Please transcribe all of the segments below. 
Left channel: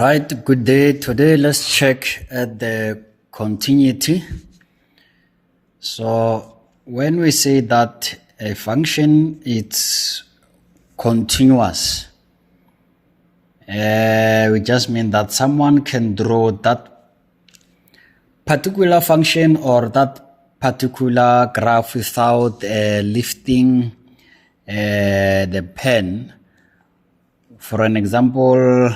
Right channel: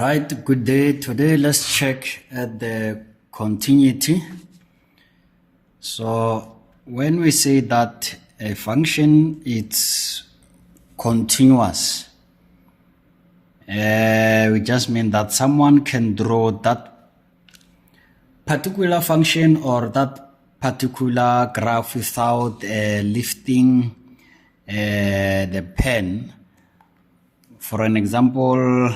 Right, good day. Today let's check at the continuity. So when we say that a function is continuous, we just mean that someone can draw that particular function or that particular graph without lifting the pen. For an example,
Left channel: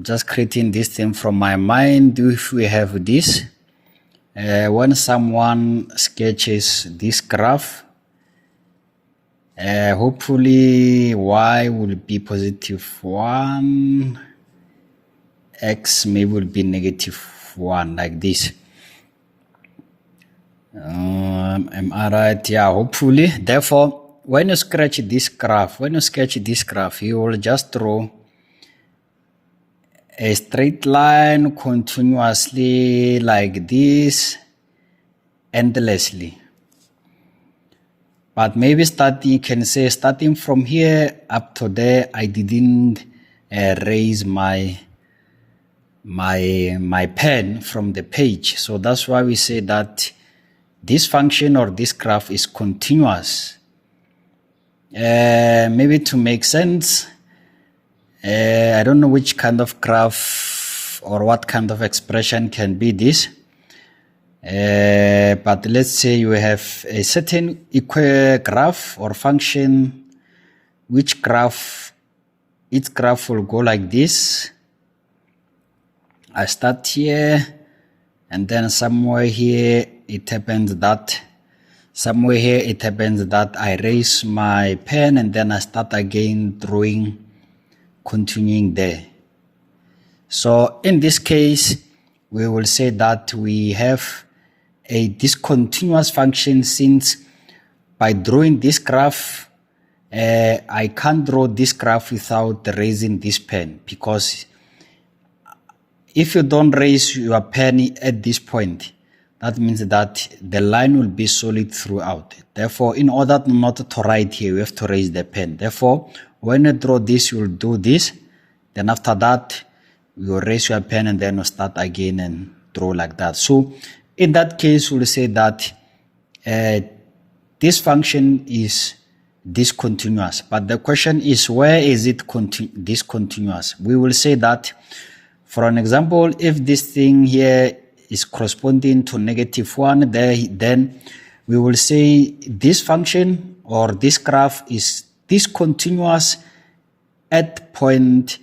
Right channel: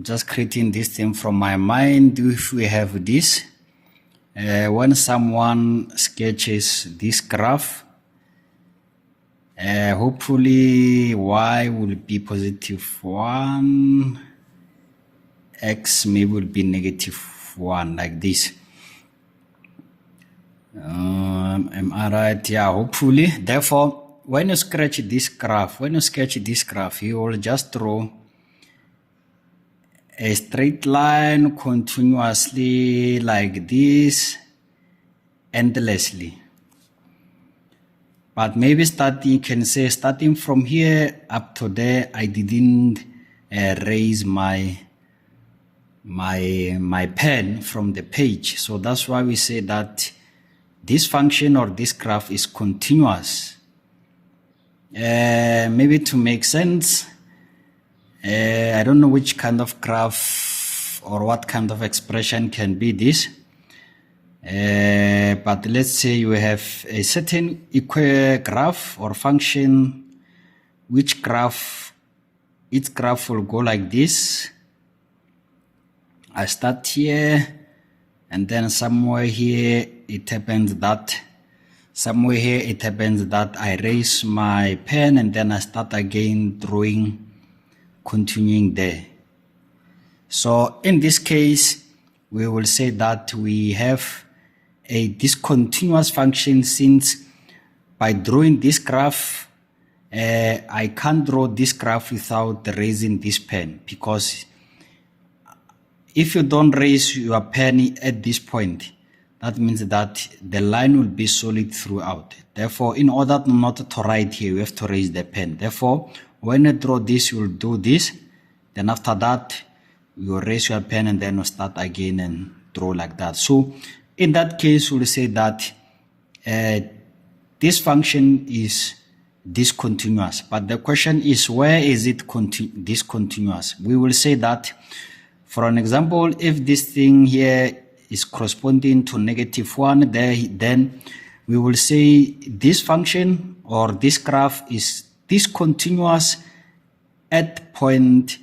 just creating this thing from my mind. If we have this, when someone sketches this graph, hopefully y will be positive 1, x maybe will be negative 1, like this. Am I right? Yeah, hopefully. Therefore, when you sketch this graph, you will just draw a straight line continuously like this, endlessly. But maybe you can say starting from here up to there, I didn't raise my pen from the page. So that's why we say that this function or this graph is continuous. Maybe to make sense, I don't know which kind of graph or what kind of expression can be this. But let's say you have a certain graph or function, each graph will go like this. I start here, and then somewhere here it happens that I raise my pen, and then I start again drawing, continuing there. So in this case, we will say that we have a discontinuous function, since by drawing this graph, I can't draw this graph without raising this pen, because if you don't raise your pen at this point, that means that the line will be solid throughout. Therefore, in order not to write here, you have to raise the pen. Therefore, when you draw this, you will do this. Then after that, you raise your pen and then you start again and draw like that. So in that case, we'll say that this function is discontinuous. But the question is, where is it discontinuous? We will say that, for an example, if this thing here is corresponding to -1, then we will say this function or this graph is discontinuous at point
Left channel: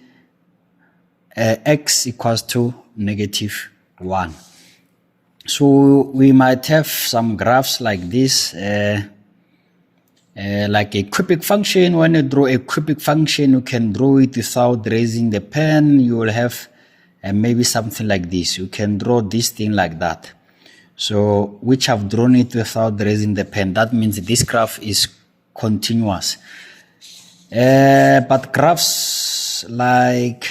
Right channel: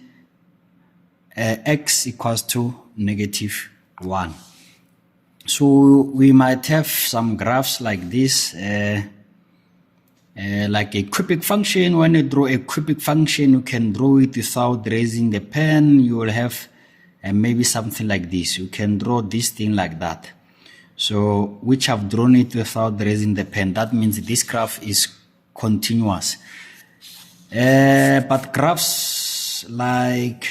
x equals to -1. So we might have some graphs like this, like a cubic function. When you draw a cubic function, you can draw it without raising the pen. You will have maybe something like this. You can draw this thing like that. So which I've drawn it without raising the pen. That means this graph is continuous. But graphs like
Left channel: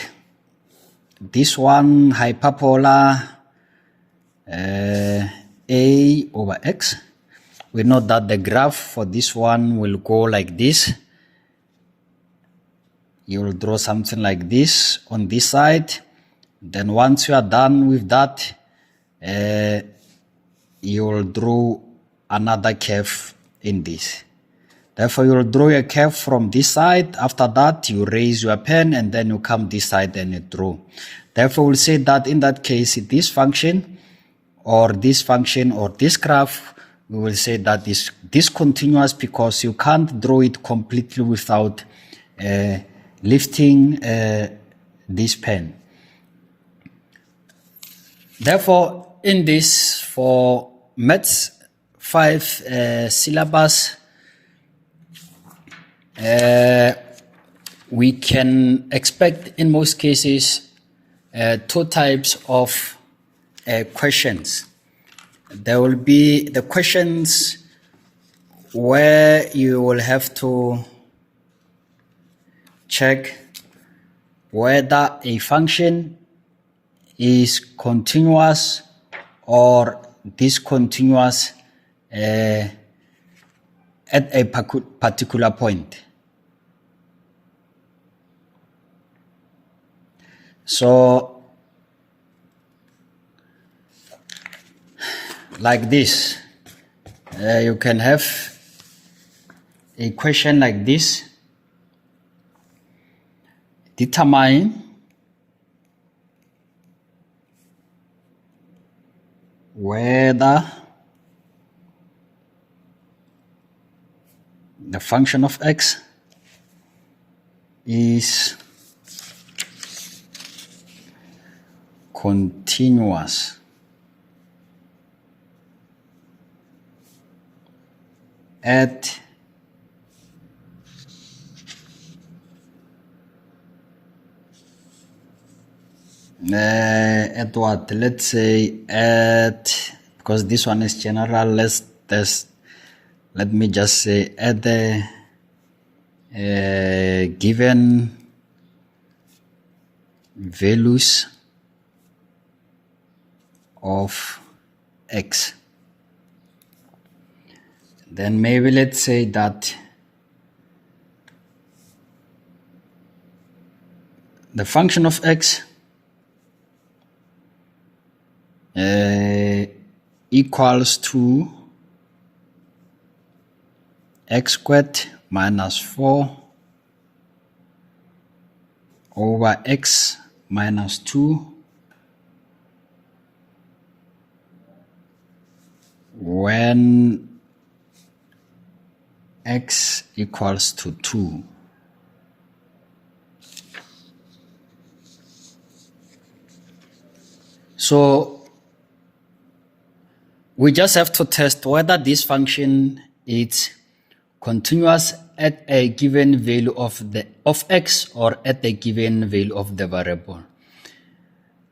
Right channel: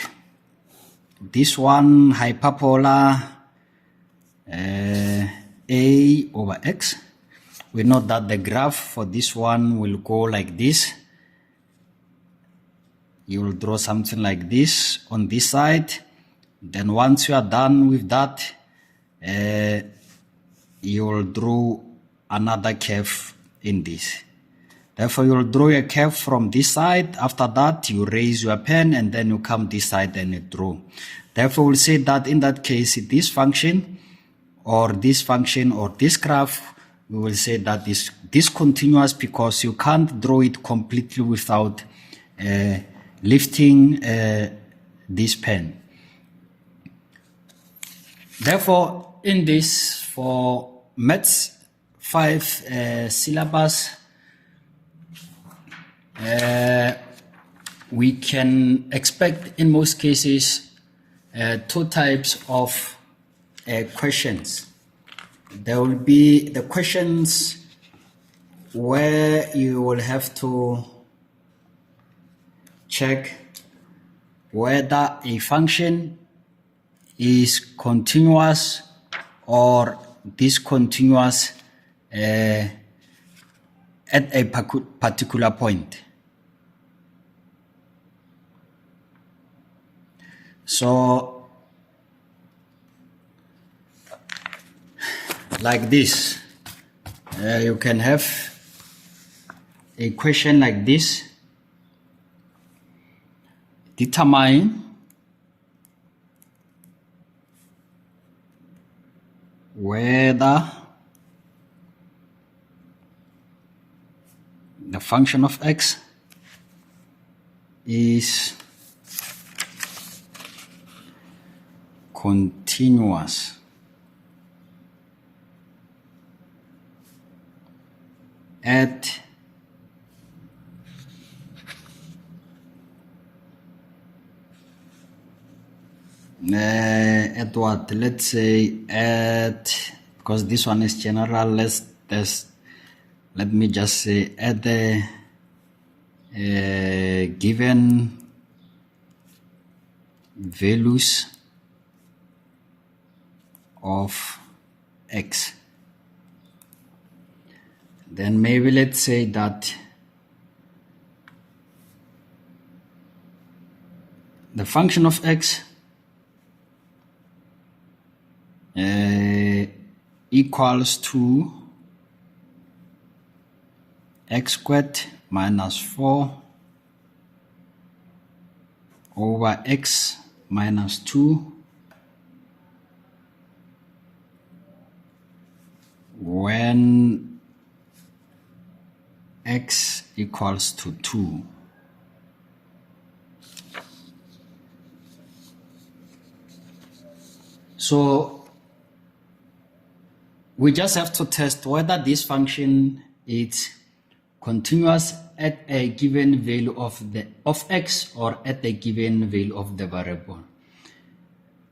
this one, hyperbola, a over x, we know that the graph for this one will go like this. You will draw something like this on this side. Then once you are done with that, you will draw another curve in this. Therefore, you will draw a curve from this side. After that, you raise your pen and then you come this side and you draw. Therefore, we'll say that in that case, this function or this graph, we will say that is discontinuous, because you can't draw it completely without lifting this pen. Therefore, in this, for Maths 5 syllabus, we can expect in most cases 2 types of questions. There will be the questions where you will have to check whether a function is continuous or discontinuous at a particular point. So like this, you can have a question like this: determine whether the function of x is continuous at what? Let's say at, because this one is general, let me just say at the given values of x. Then maybe let's say that the function of x equals to x squared minus 4 over x minus 2 when x equals to 2. So we just have to test whether this function is continuous at a given value of x or at a given value of the variable.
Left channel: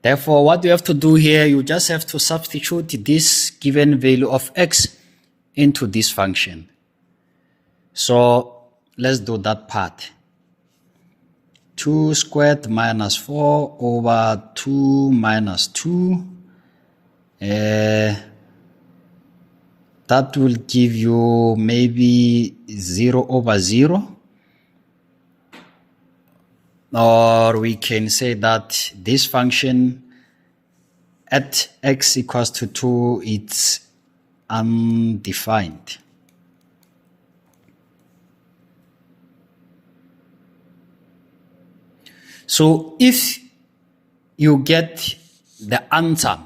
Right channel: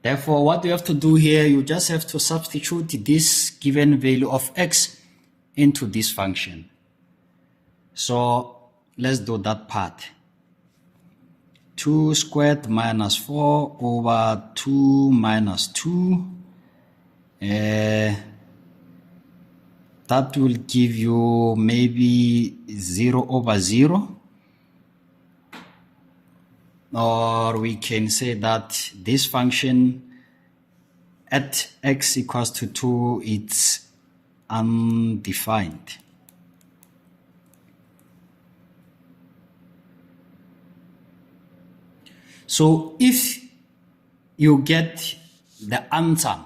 Therefore, what you have to do here, you just have to substitute this given value of x into this function. So let's do that part. 2 squared minus 4 over 2 minus 2. That will give you maybe 0 over 0. Or we can say that this function at x equals to 2, it's undefined. So if you get the answer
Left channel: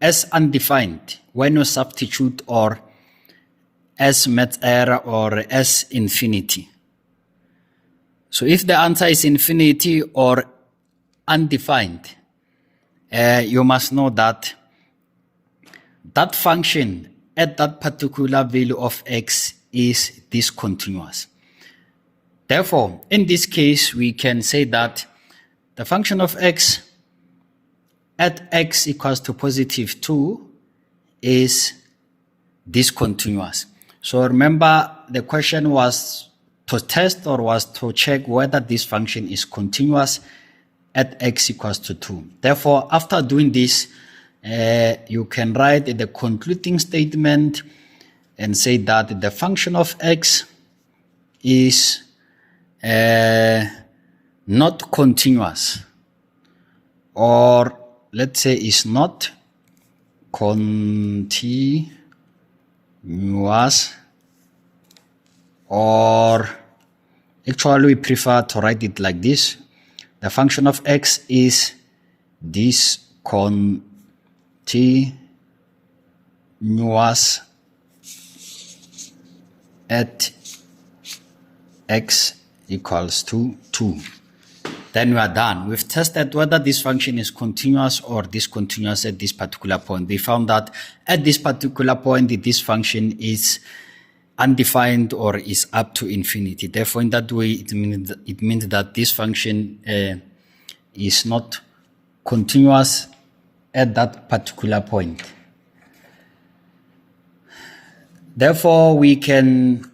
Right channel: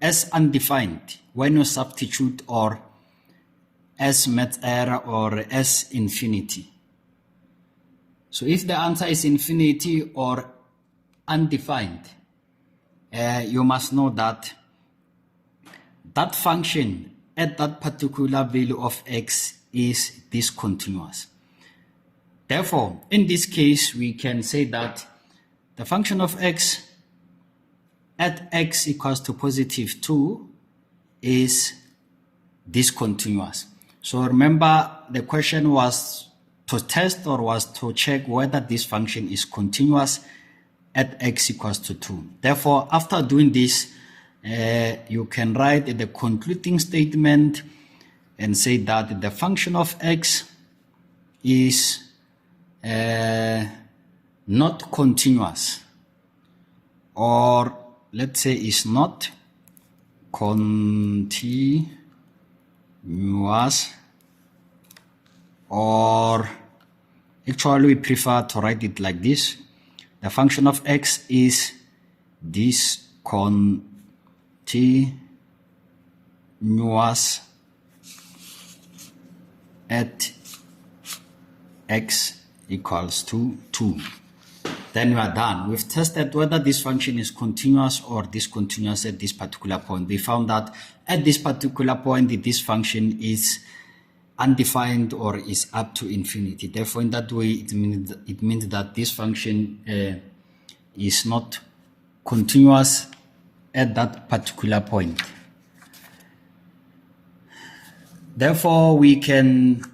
as undefined when you substitute, or as math error, or as infinity. So if the answer is infinity or undefined, you must know that that function at that particular value of x is discontinuous. Therefore, in this case, we can say that the function of x at x equals to positive 2 is discontinuous. So remember, the question was to test, or was to check whether this function is continuous at x equals to 2. Therefore, after doing this, you can write the concluding statement and say that the function of x is not continuous, or let's say is not continuous, or actually we prefer to write it like this: the function of x is discontinuous at x equals to 2. Then we are done. We've tested whether this function is continuous or discontinuous at this particular point. We found that at this particular point, this function is undefined or is up to infinity. Therefore, in that way, it means that this function is not continuous at that particular point. Therefore, we can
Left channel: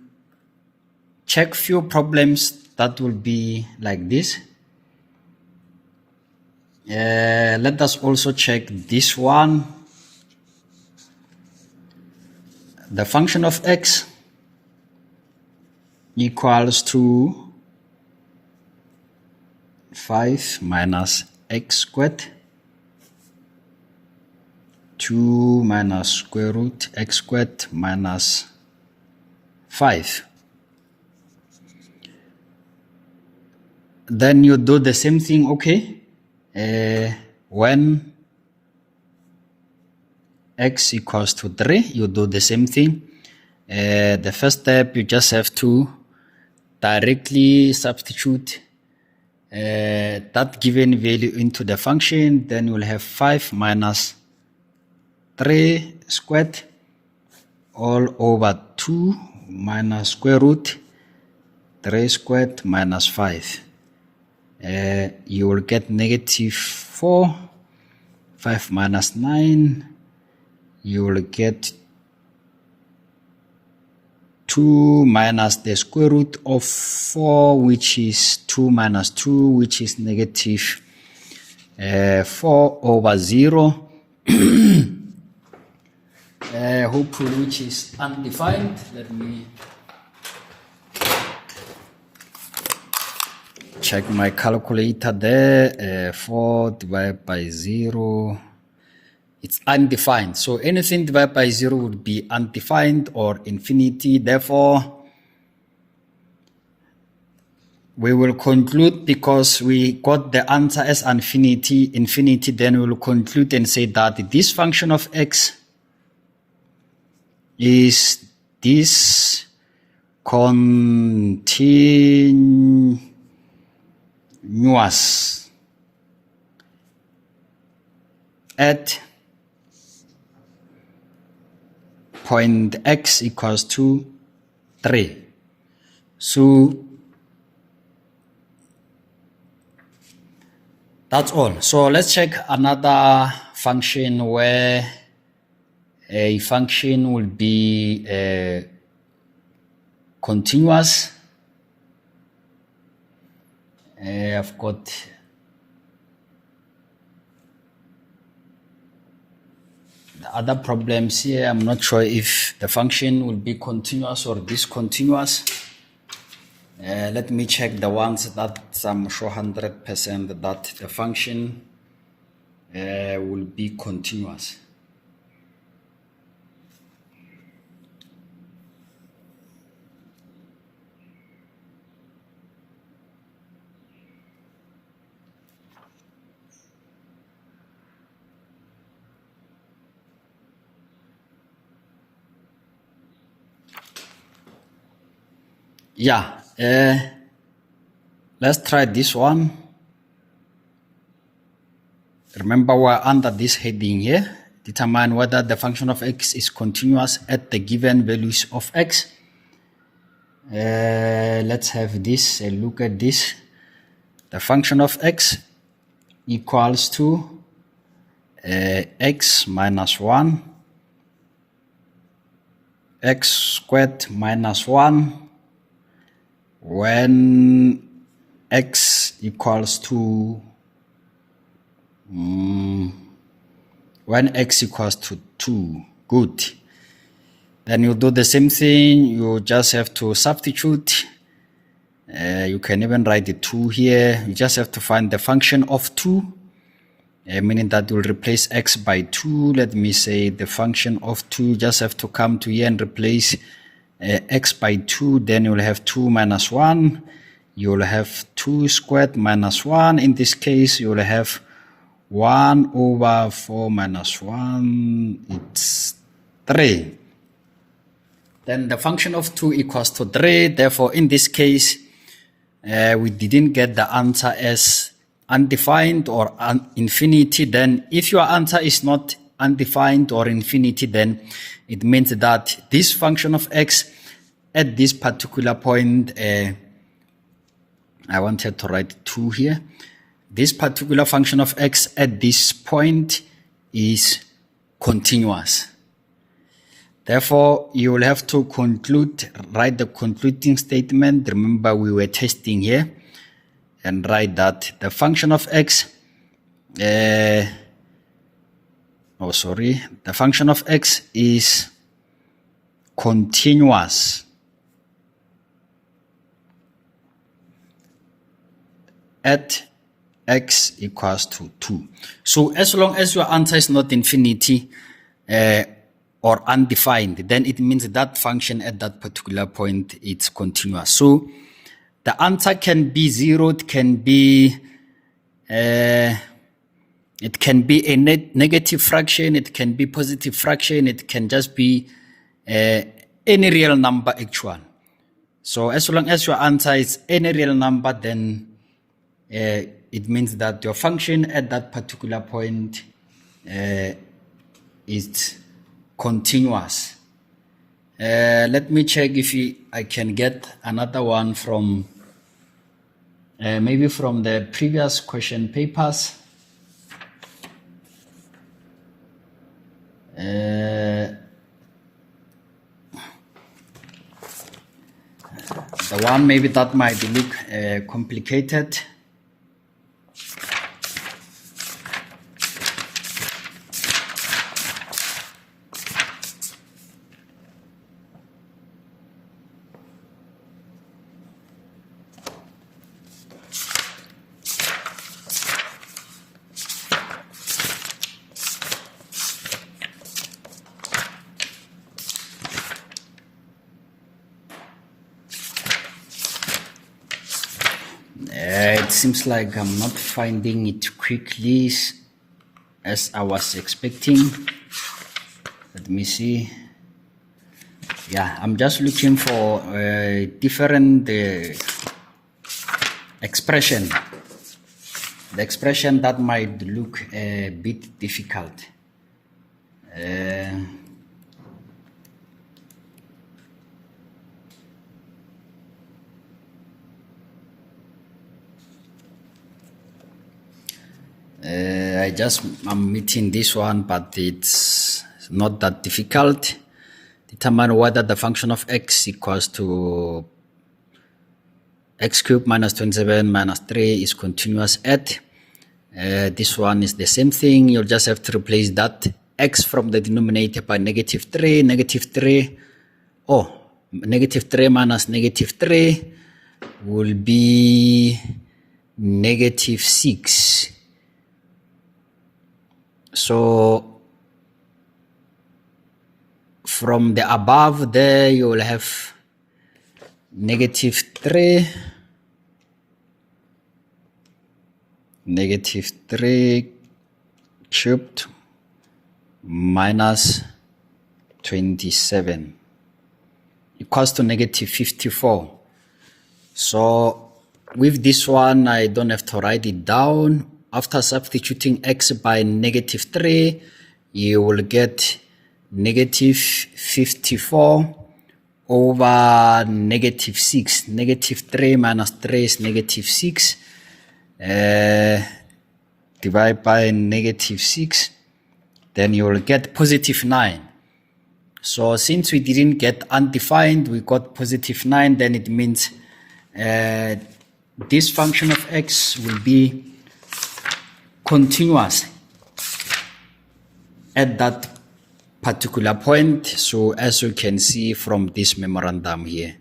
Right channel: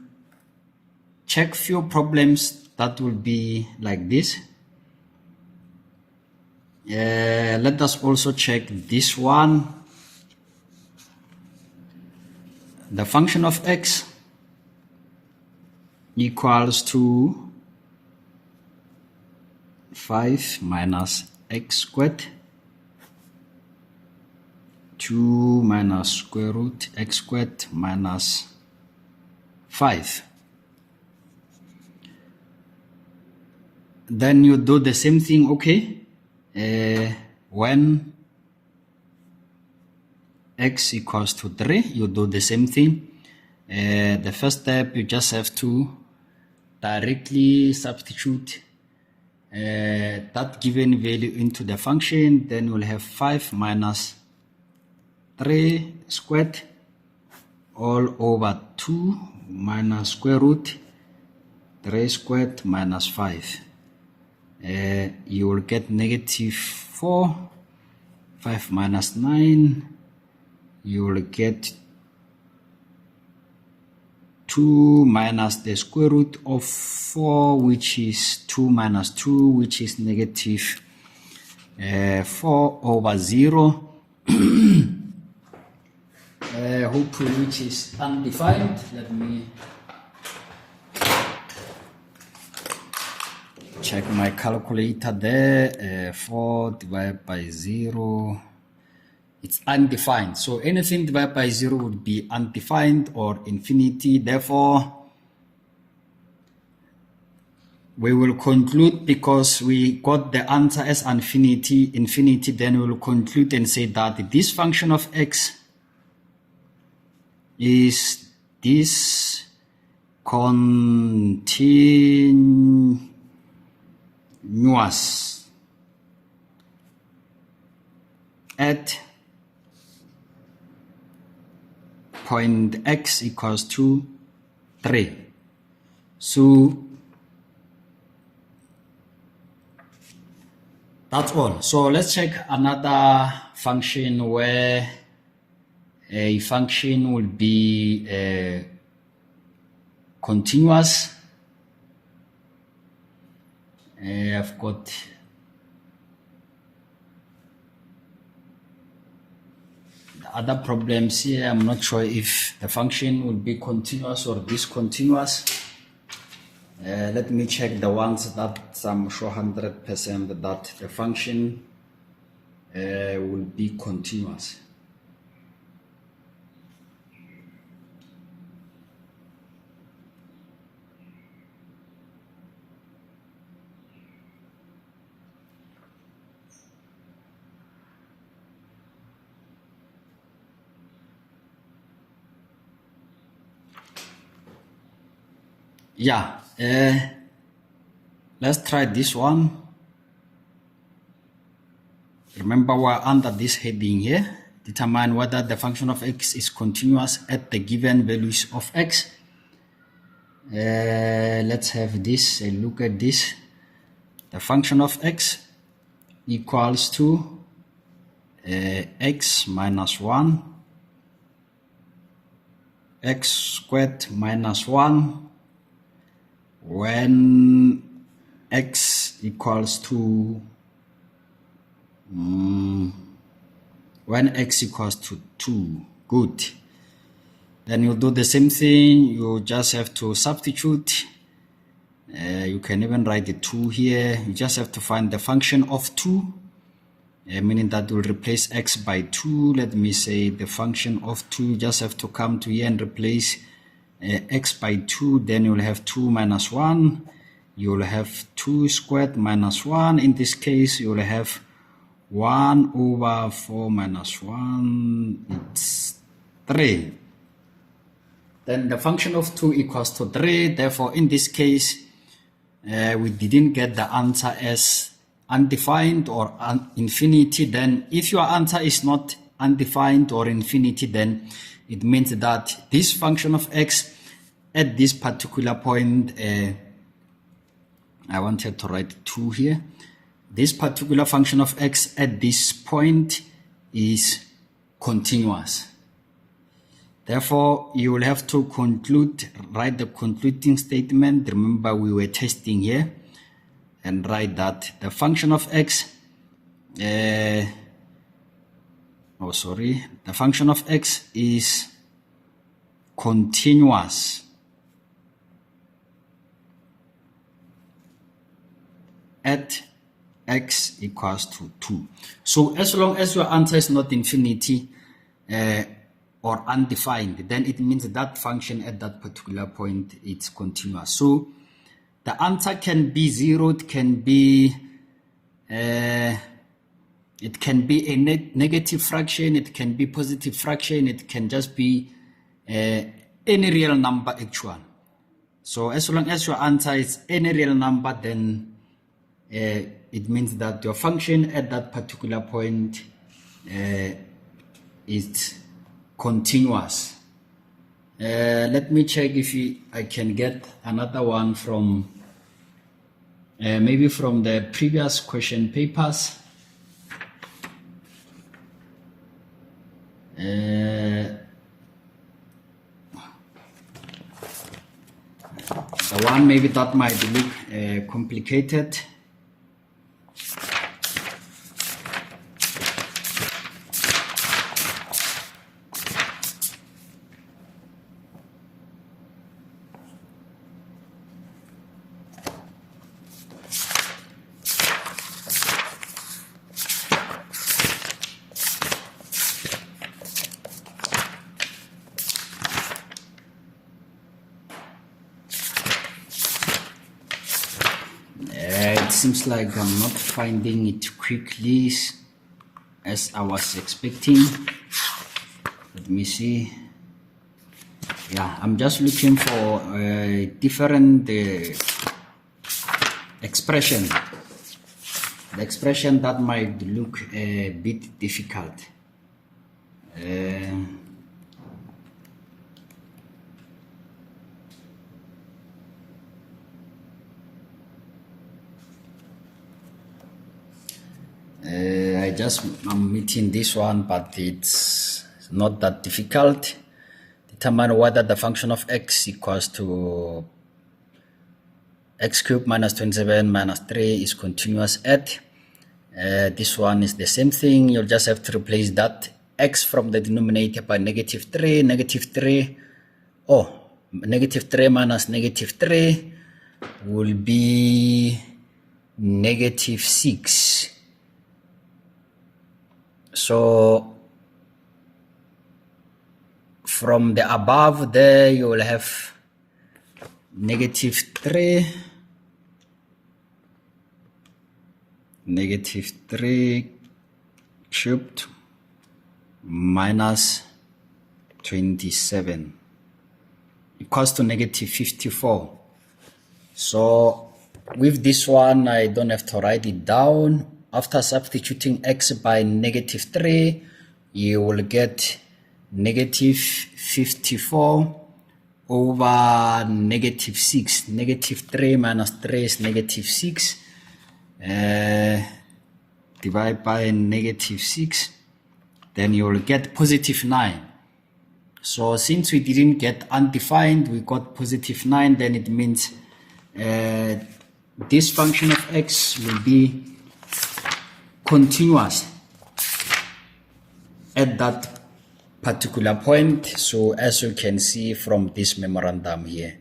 check few problems that will be like this. Let us also check this one. The function of x equals to 5 minus x squared, 2 minus square root x squared minus 5. Then you do the same thing, okay? When x equals to 3, you do the same thing. The first step, you just have to directly substitute that given value into the function. Then you'll have 5 minus 3 squared all over 2 minus square root 3 squared minus 5. You will get negative 4. 5 minus 9, you will get 2 minus the square root of 4, which is 2 minus 2, which is negative 4 over 0. Hopefully which is undefined. Let me check my calculator there. 4 divided by 0, it's undefined. So anything divided by 0 would be undefined or infinity. Therefore, we will conclude, because we got the answer as infinity, then we will conclude and say that this function of x is discontinuous at point x equals to 3. So that's all. So let's check another function where a function will be continuous. I've got the other problems here. I'm not sure if the function will be continuous or discontinuous. Let me check the ones that I'm sure 100% that the function will be continuous. Yeah, let's try this one. Remember, we're under this heading here. Determine whether the function of x is continuous at the given values of x. Let's have this, look at this. The function of x equals to x minus 1, x squared minus 1, when x equals to 2. Good. Then you do the same thing. You just have to substitute. You can even write the 2 here. You just have to find the function of 2, meaning that will replace x by 2. Let me say the function of 2. You just have to come to here and replace x by 2. Then you will have 2 minus 1. You will have 2 squared minus 1. In this case, you will have 1 over 4 minus 1. It's 3. Then the function of 2 equals to 3. Therefore, in this case, we didn't get the answer as undefined or infinity. Then if your answer is not undefined or infinity, then it means that this function of x at this particular point, I wanted to write 2 here. This particular function of x at this point is continuous. Therefore, you will have to conclude, write the concluding statement. Remember, we were testing here, and write that the function of x, the function of x is continuous at x equals to 2. So as long as your answer is not infinity or undefined, then it means that function at that particular point it's continuous. So the answer can be 0, it can be a negative fraction, it can be positive fraction, it can just be any real number actual. So as long as your answer is any real number, then it means that your function at that particular point is continuous. Let me check if I can get another one from maybe from the previous question papers. The one maybe that might look complicated. It seems like I'm not finding it quickly as I was expecting. Let me see. Yeah, I'm just looking for a different expression. The expression that might look a bit difficult. I'm meeting this one, but it's not that difficult. Determine whether the function of x equals to x cubed minus 27 minus 3 is continuous at. This one is the same thing. You'll just have to replace that x from the denominator by negative 3. Negative 3 minus negative 3 will be negative 6. So from the above there, you will have negative 3 cubed minus 27 equals to negative 54. So with this one, I don't have to write it down. After substituting x by negative 3, you will get negative 54 over negative 6. Negative 3 minus 3 is negative 6. Divide by negative 6, then you will get positive 9. So since we didn't get undefined, we got positive 9, then it means this function of x will be continuous at that particular point. So as you can see from this memorandum here,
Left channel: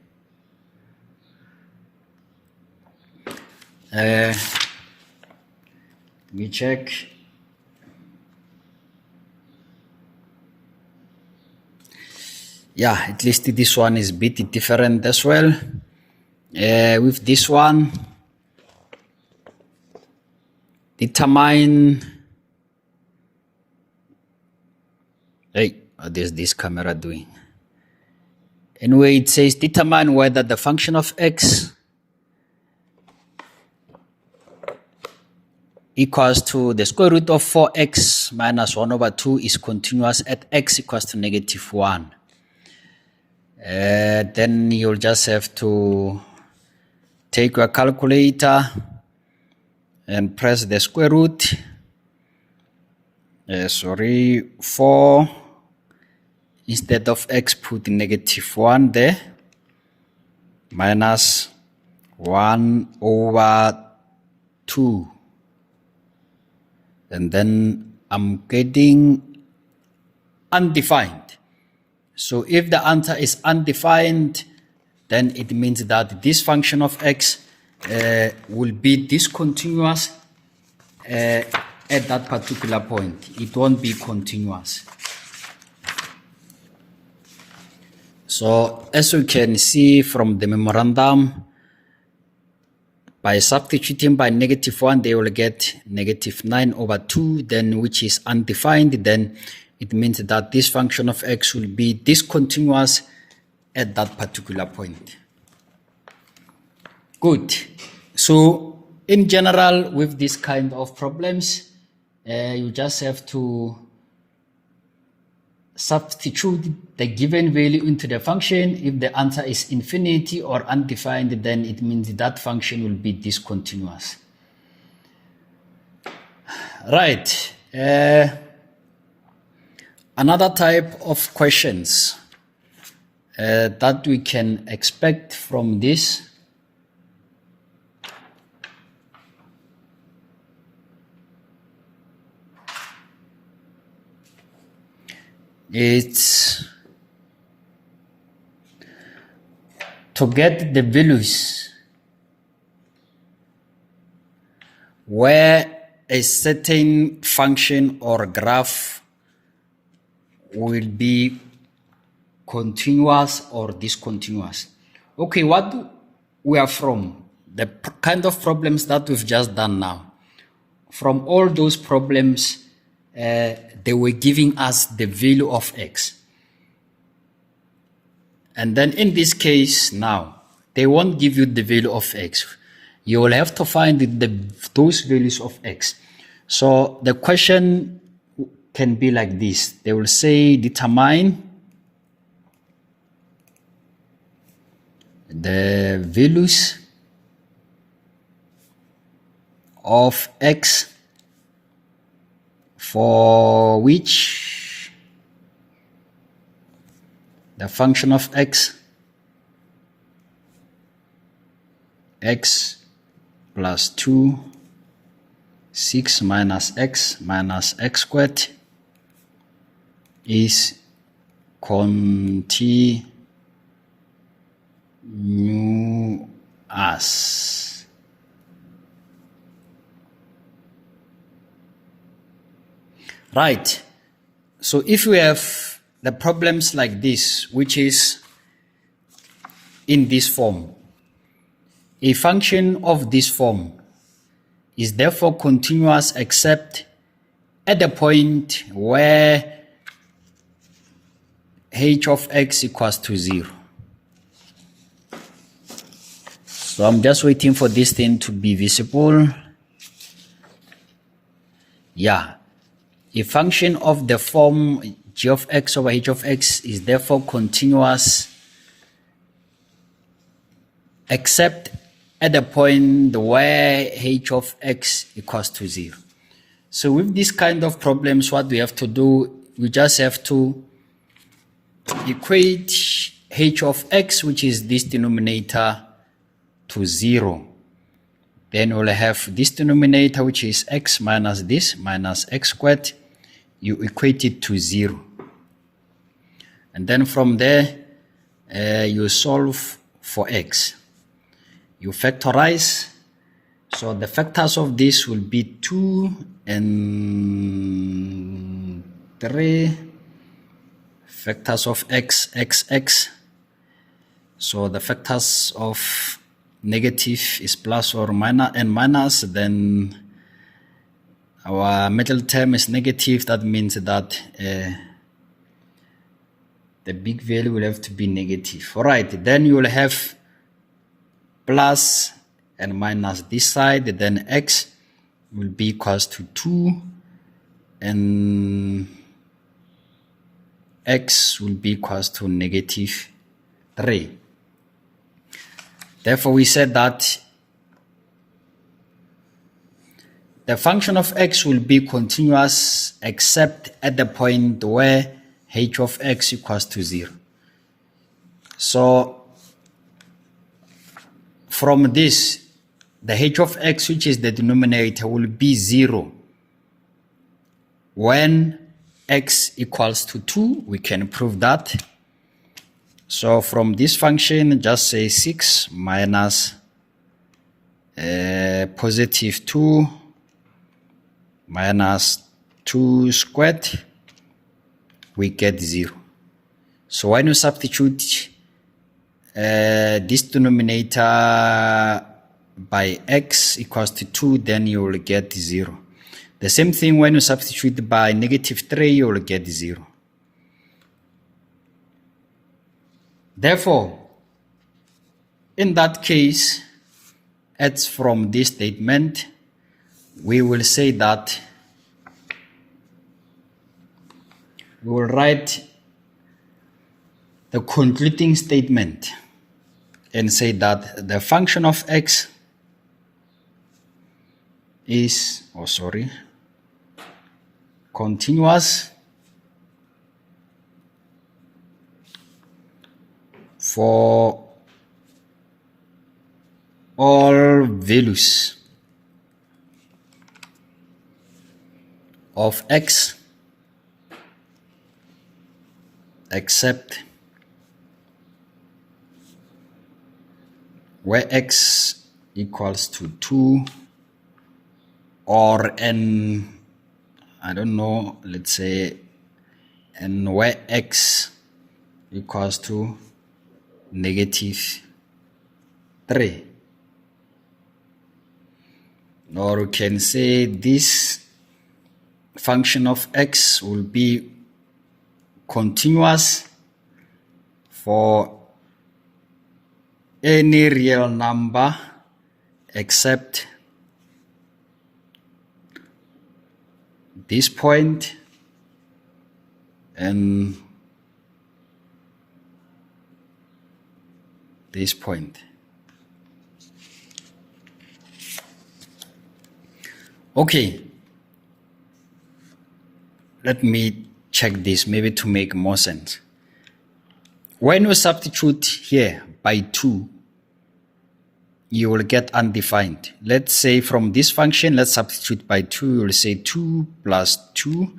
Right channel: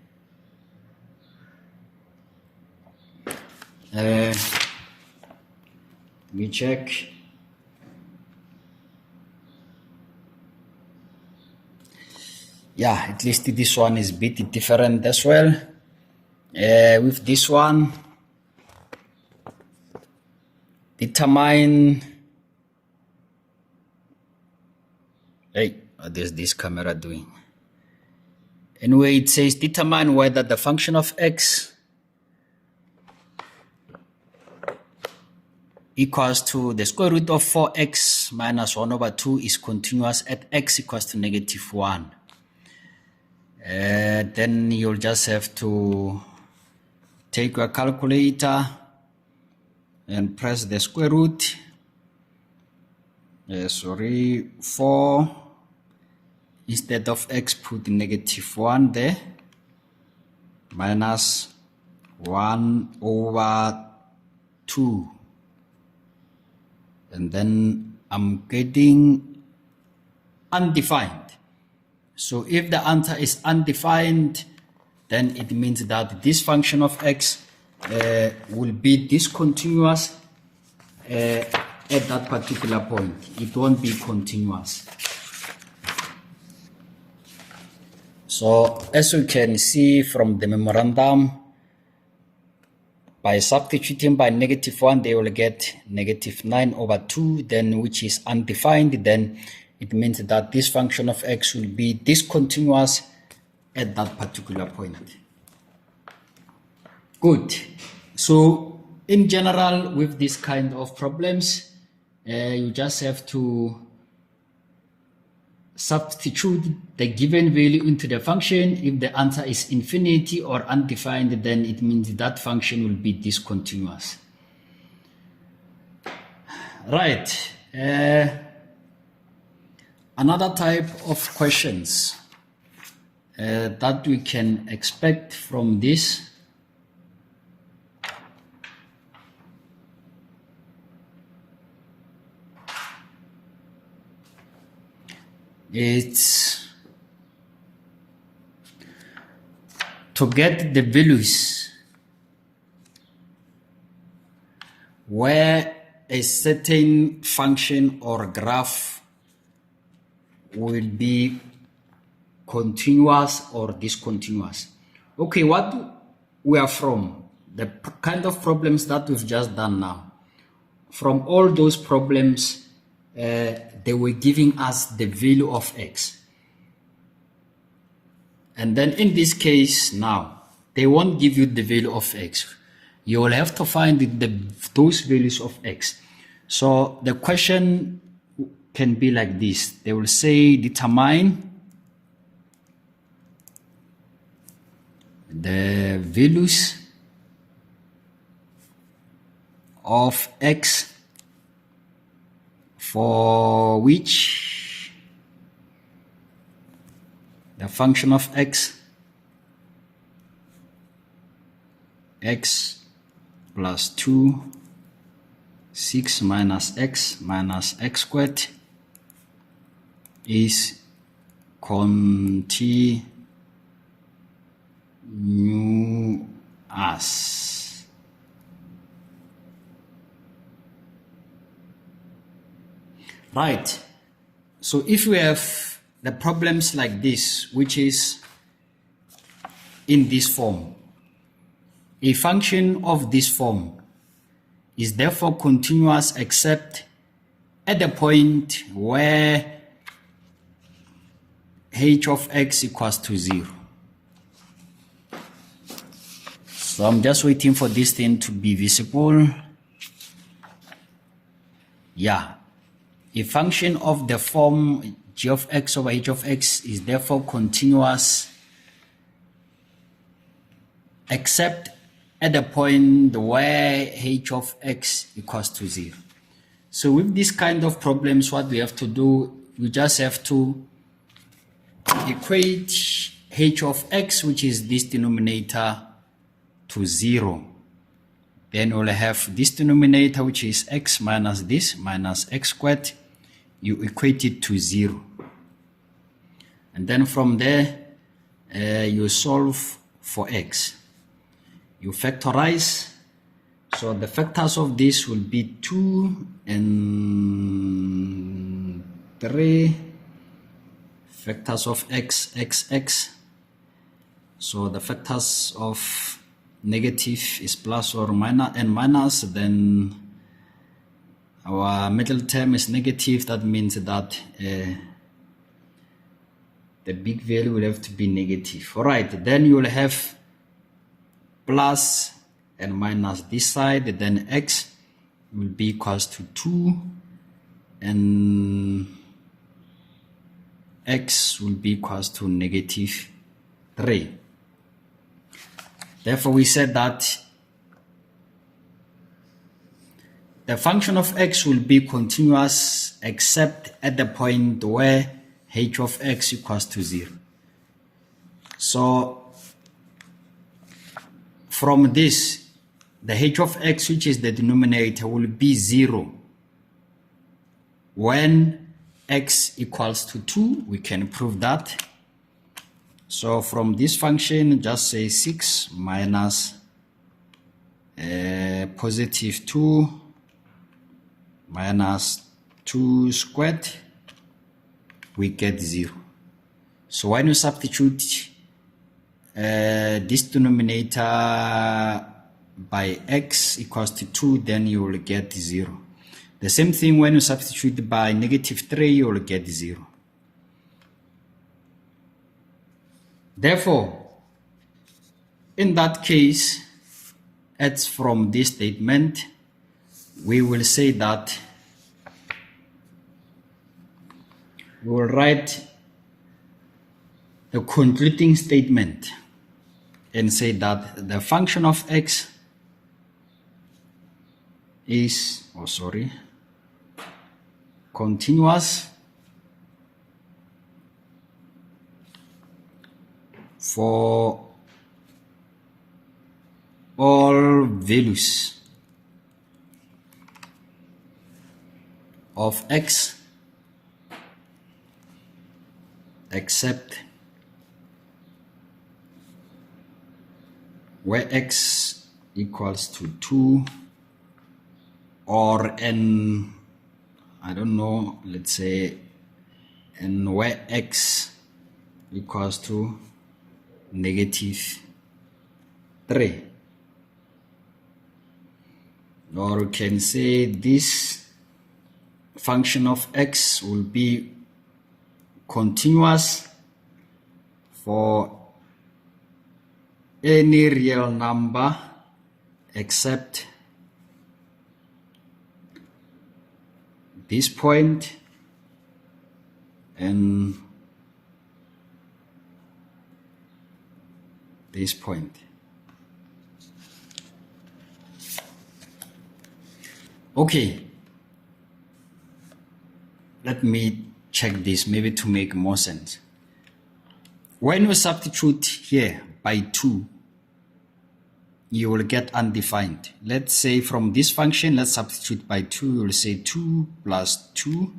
let me check. Yeah, at least this one is a bit different as well. With this one, determine, what is this camera doing? Anyway, it says determine whether the function of x equals to the square root of 4x minus 1 over 2 is continuous at x equals to negative 1. Then you'll just have to take your calculator and press the square root. 4, instead of x put negative 1 there, minus 1 over 2. And then I'm getting undefined. So if the answer is undefined, then it means that this function of x will be discontinuous at that particular point. It won't be continuous. So as you can see from the memorandum, by substituting by -1, they will get -9/2, then which is undefined. Then it means that this function of x will be discontinuous at that particular point. Good. So in general, with this kind of problems, you just have to substitute the given value into the function. If the answer is infinity or undefined, then it means that function will be discontinuous. Right. Another type of questions that we can expect from this it's to get the values where a certain function or graph will be continuous or discontinuous. Okay, what we are from, the kind of problems that we've just done now, from all those problems, they were giving us the value of x. And then in this case now, they won't give you the value of x. You will have to find those values of x. So the question can be like this. They will say determine the values of x for which the function of x plus 2, 6 minus x squared is continuous. Right. So if we have the problems like this, which is in this form, a function of this form is therefore continuous except at the point where h of x equals to 0. So I'm just waiting for this thing to be visible. Yeah. A function of the form g of x over h of x is therefore continuous except at the point where h of x equals to 0. So with this kind of problems, what we have to do, we just have to equate h of x, which is this denominator, to 0. Then we'll have this denominator, which is x minus this, minus x squared. You equate it to 0. And then from there, you solve for x. You factorize. So the factors of this will be 2 and 3. Factors of x. So the factors of negative is plus or minus and minus. Then our middle term is negative. That means that the big value will have to be negative. All right. Then you will have plus and minus this side. Then x will be equals to 2 and x will be equals to negative 3. Therefore, we said that the function of x will be continuous except at the point where h of x equals to 0. So from this, the h of x, which is the denominator, will be 0 when x equals to 2. We can prove that. So from this function, just say 6 minus positive 2 minus 2 squared, we get 0. So when you substitute this denominator by x equals to 2, then you will get 0. The same thing when you substitute by negative 3, you will get 0. Therefore, in that case, as from this statement, we will say that we will write the concluding statement and say that the function of x is, continuous for all values of x except where x equals to 2 or n, I don't know, let's say n where x equals to negative 3. Or we can say this function of x will be continuous for any real number except this point and this point. Okay, let me check this maybe to make more sense. When we substitute here by 2, you will get undefined. Let's say from this function, let's substitute by 2. You will say 2 plus 2.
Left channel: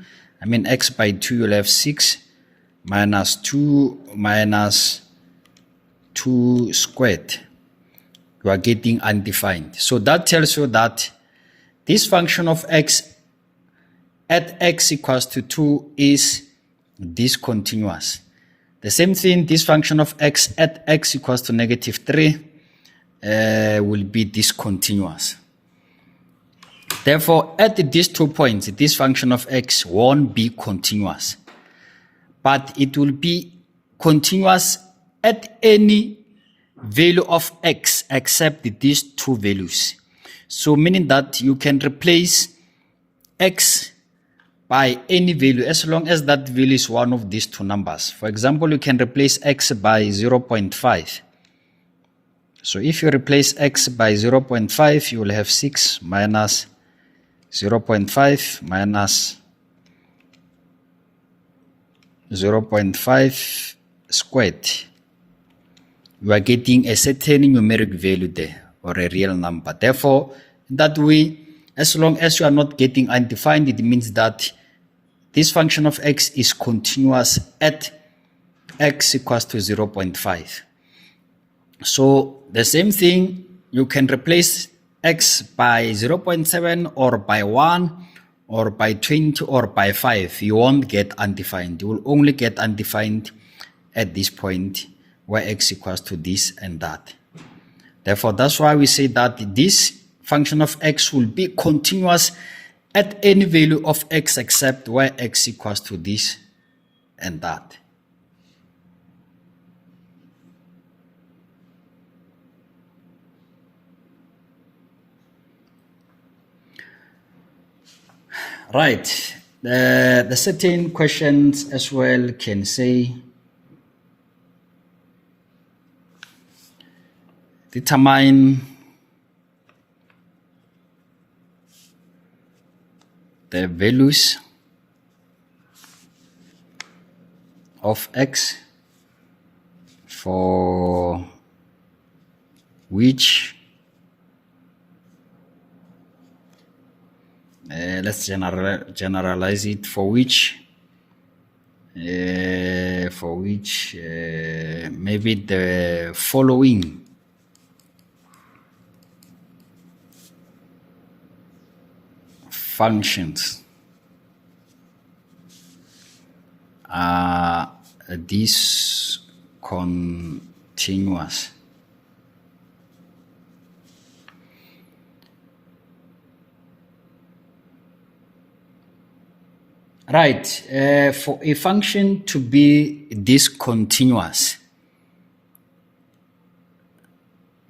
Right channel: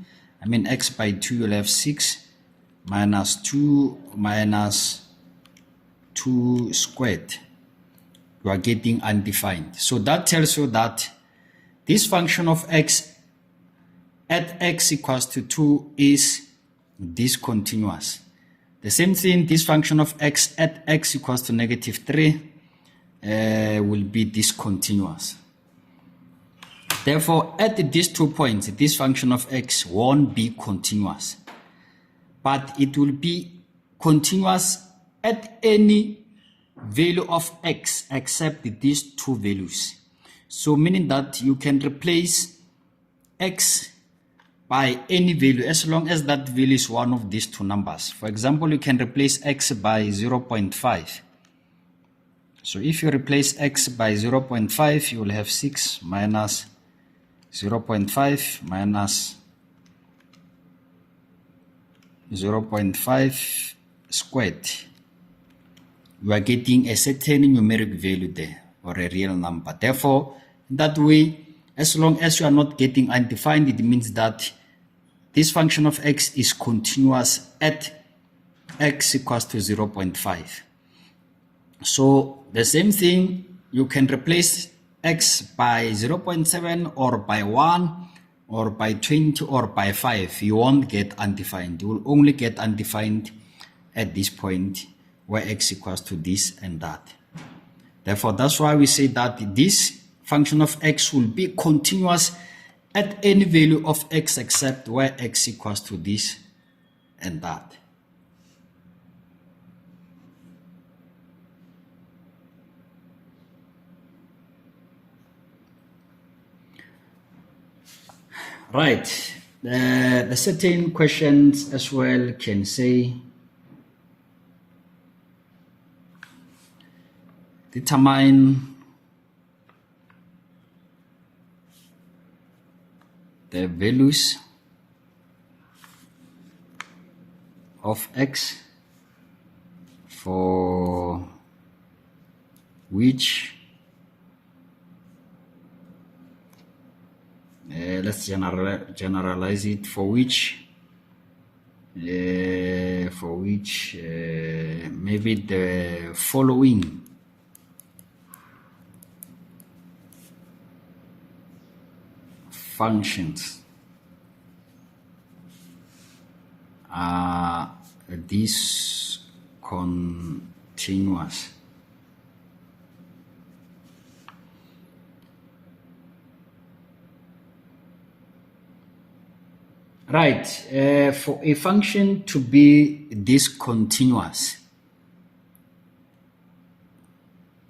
X by 2, you'll have 6 minus 2 minus 2 squared. You are getting undefined. So that tells you that this function of x at x equals to 2 is discontinuous. The same thing, this function of x at x equals to negative 3 will be discontinuous. Therefore, at these 2 points, this function of x won't be continuous, but it will be continuous at any value of x except these 2 values. So meaning that you can replace x by any value as long as that value is one of these 2 numbers. For example, you can replace x by 0.5. So if you replace x by 0.5, you will have 6 minus 0.5 minus 0.5 squared. You are getting a certain numeric value there, or a real number. Therefore, that way, as long as you are not getting undefined, it means that this function of x is continuous at x equals to 0.5. So the same thing, you can replace x by 0.7 or by 1 or by 20 or by 5. You won't get undefined. You will only get undefined at this point where x equals to this and that. Therefore, that's why we say that this function of x will be continuous at any value of x except where x equals to this and that. Right. The certain questions as well can say determine the values of x for which let's generalize it, for which maybe the following functions are discontinuous. Right, for a function to be discontinuous,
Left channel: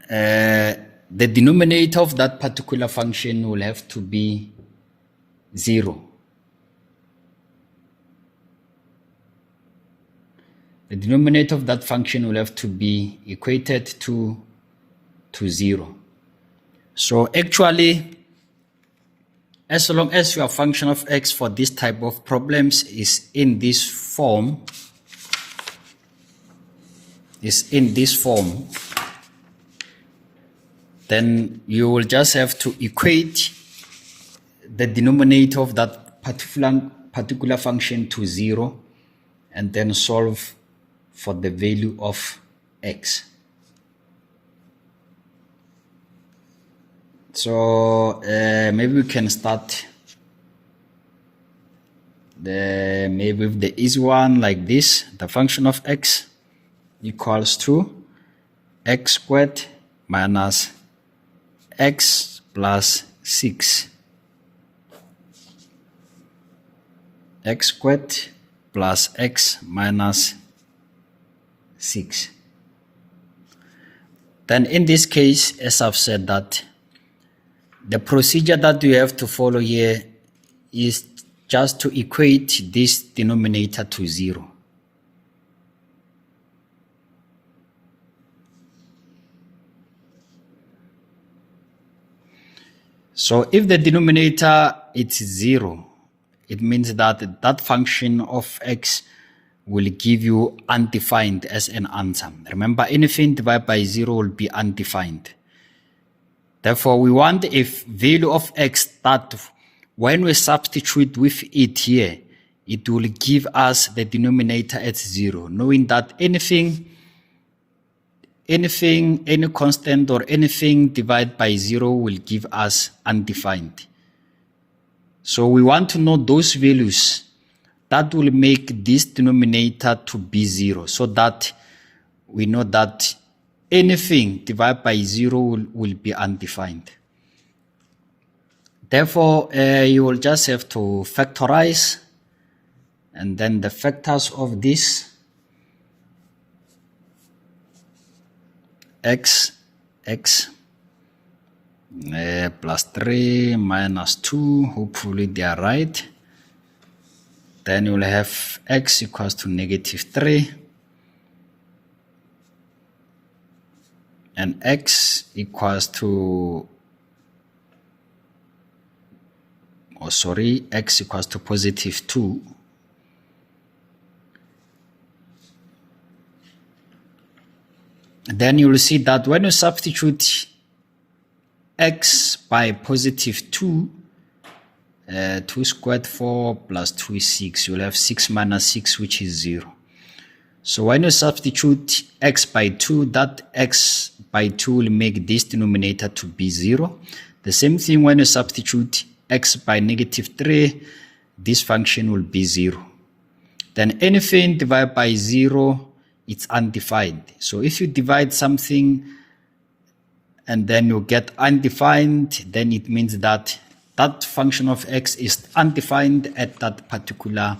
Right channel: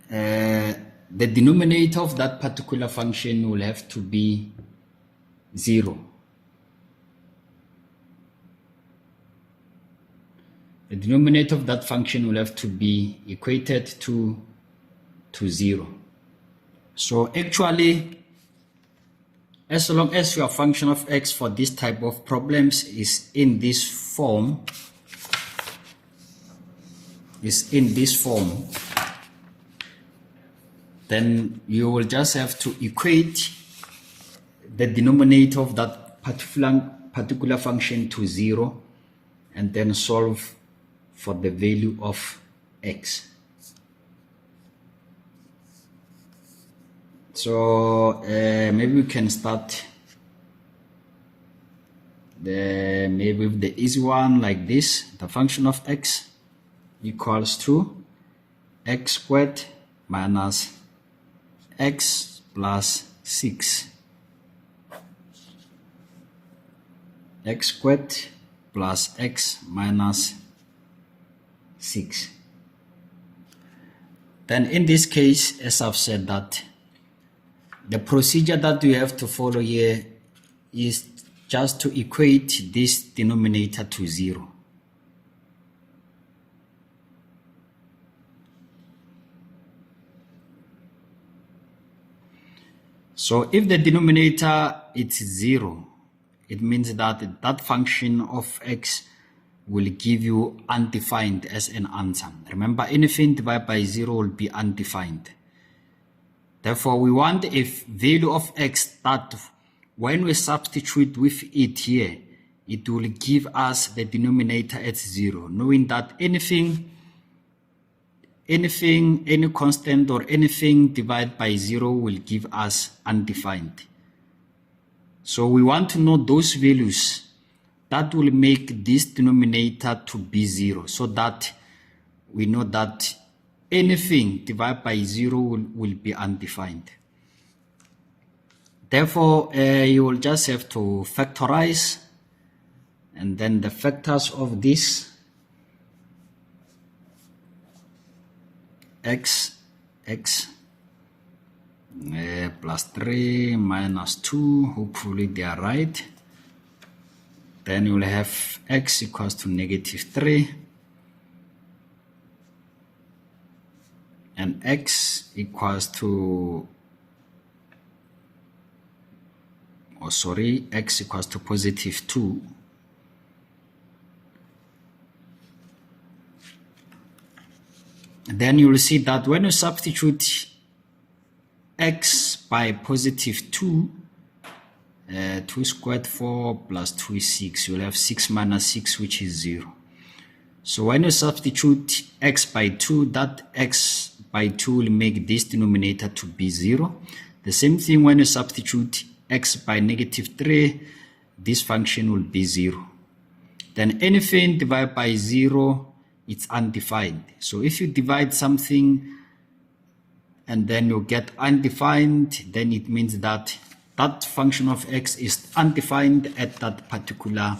the denominator of that particular function will have to be 0. The denominator of that function will have to be equated to 0. So actually, as long as your function of x for this type of problems is in this form, then you will just have to equate the denominator of that particular function to 0 and then solve for the value of x. So maybe we can start maybe with the easy one like this. The function of x equals to x squared minus x plus 6. X squared plus x minus 6. Then in this case, as I've said, that the procedure that you have to follow here is just to equate this denominator to 0. So if the denominator is 0, it means that that function of x will give you undefined as an answer. Remember, anything divided by 0 will be undefined. Therefore, we want a value of x that when we substitute with it here, it will give us the denominator at 0, knowing that any constant or anything divided by 0 will give us undefined. So we want to know those values that will make this denominator to be 0, so that we know that anything divided by 0 will be undefined. Therefore, you will just have to factorize, and then the factors of this x plus 3 minus 2, hopefully they are right. Then you will have x equals to negative 3. And x equals to, x equals to positive 2. Then you will see that when you substitute x by positive 2, 2 squared 4 plus 2 is 6. You will have 6 minus 6, which is 0. So when you substitute x by 2, that x by 2 will make this denominator to be 0. The same thing when you substitute x by negative 3, this function will be 0. Then anything divided by 0, it's undefined. So if you divide something and then you get undefined, then it means that that function of x is undefined at that particular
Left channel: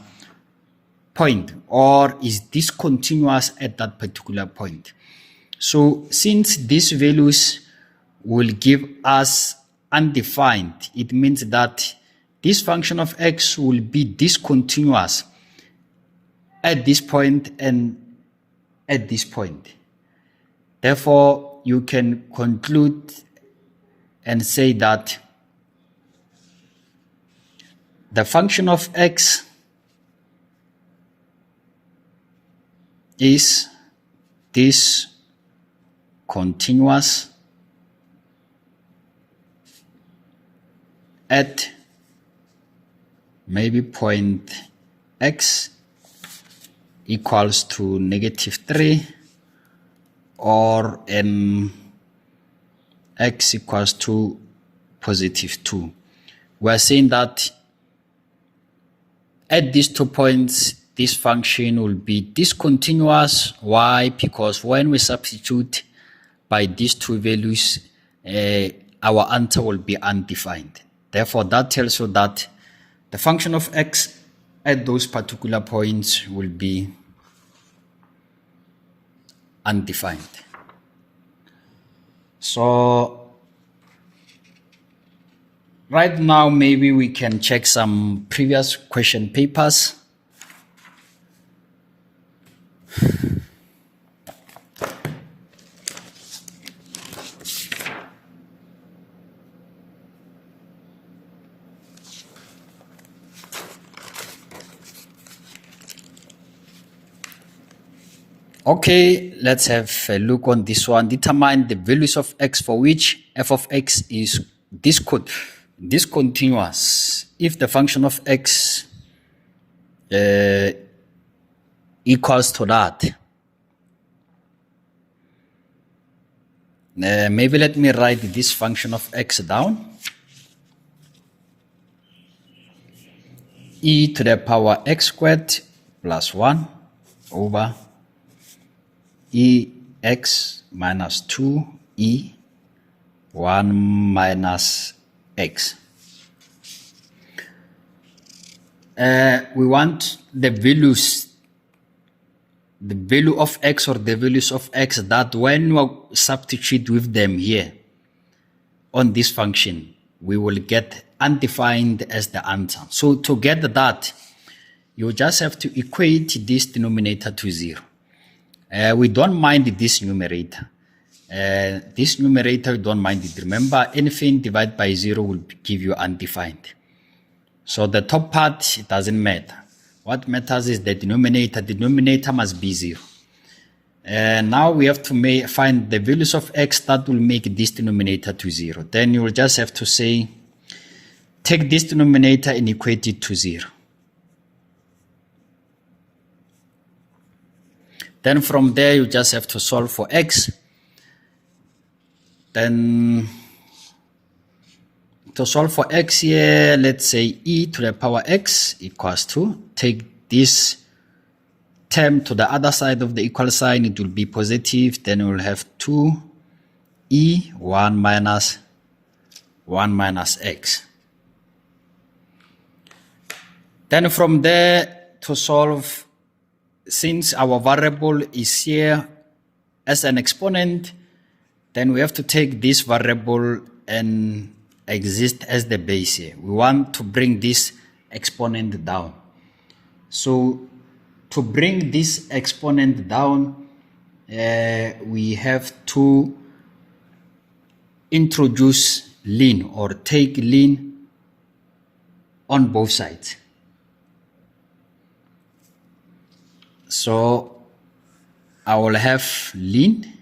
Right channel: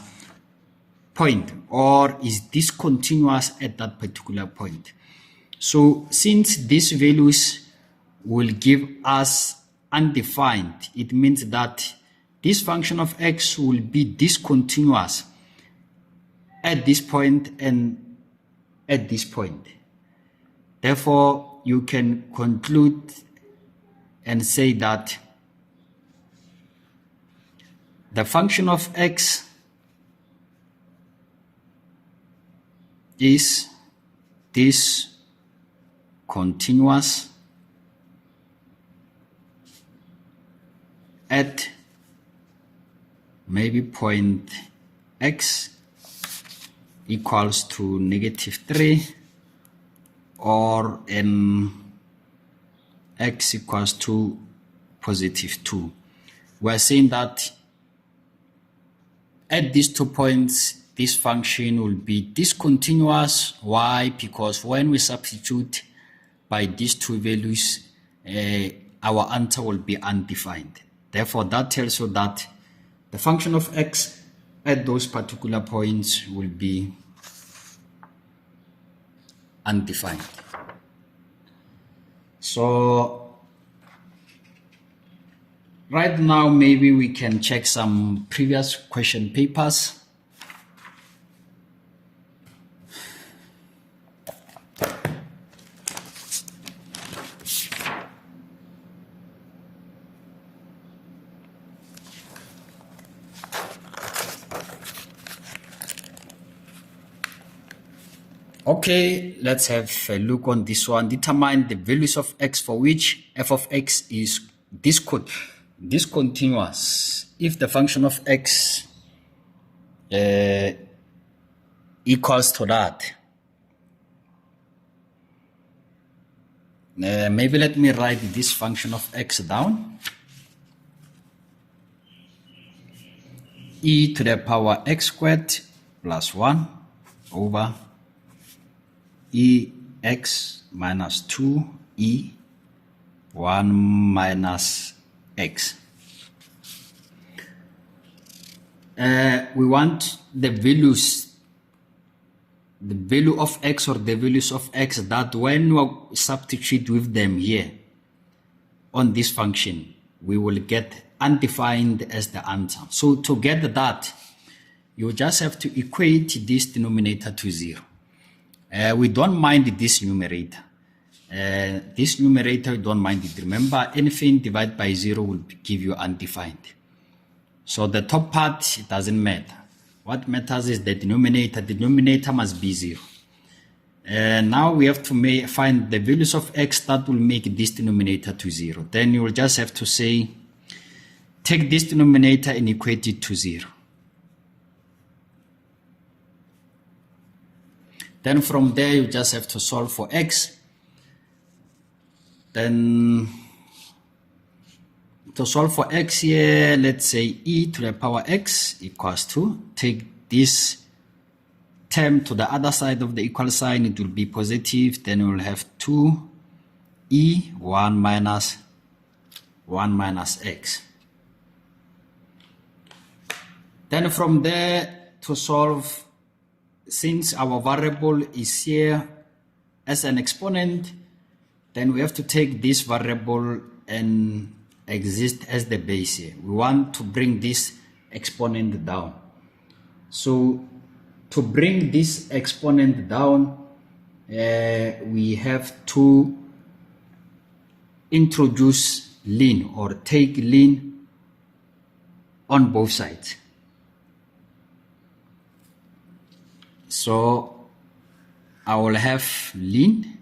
point, or is discontinuous at that particular point. So since these values will give us undefined, it means that this function of x will be discontinuous at this point and at this point. Therefore, you can conclude and say that the function of x is discontinuous at maybe point x equals to negative 3 or x equals to positive 2. we're saying that at these 2 points, this function will be discontinuous. Why? Because when we substitute by these two values, our answer will be undefined. Therefore, that tells you that the function of x at those particular points will be undefined. So right now, maybe we can check some previous question papers. Okay, let's have a look on this one. Determine the values of x for which f of x is discontinuous. If the function of x equals to that. Maybe let me write this function of x down. E to the power x squared plus 1 over ex minus 2e 1 minus x. We want the values, the value of x or the values of x that when we substitute with them here on this function, we will get undefined as the answer. So to get that, you just have to equate this denominator to 0. We don't mind this numerator. This numerator, we don't mind it. Remember, anything divided by 0 will give you undefined. So the top part, it doesn't matter. What matters is the denominator. The denominator must be 0. And now we have to find the values of x that will make this denominator to 0. Then you will just have to say, take this denominator and equate it to 0. Then from there, you just have to solve for x. Then to solve for x here, let's say e to the power x equals to, take this term to the other side of the equal sign, it will be positive. Then we will have 2e 1 minus x. Then from there, to solve, since our variable is here as an exponent, then we have to take this variable and exist as the base here. We want to bring this exponent down. So to bring this exponent down, we have to introduce ln or take ln on both sides. So I will have ln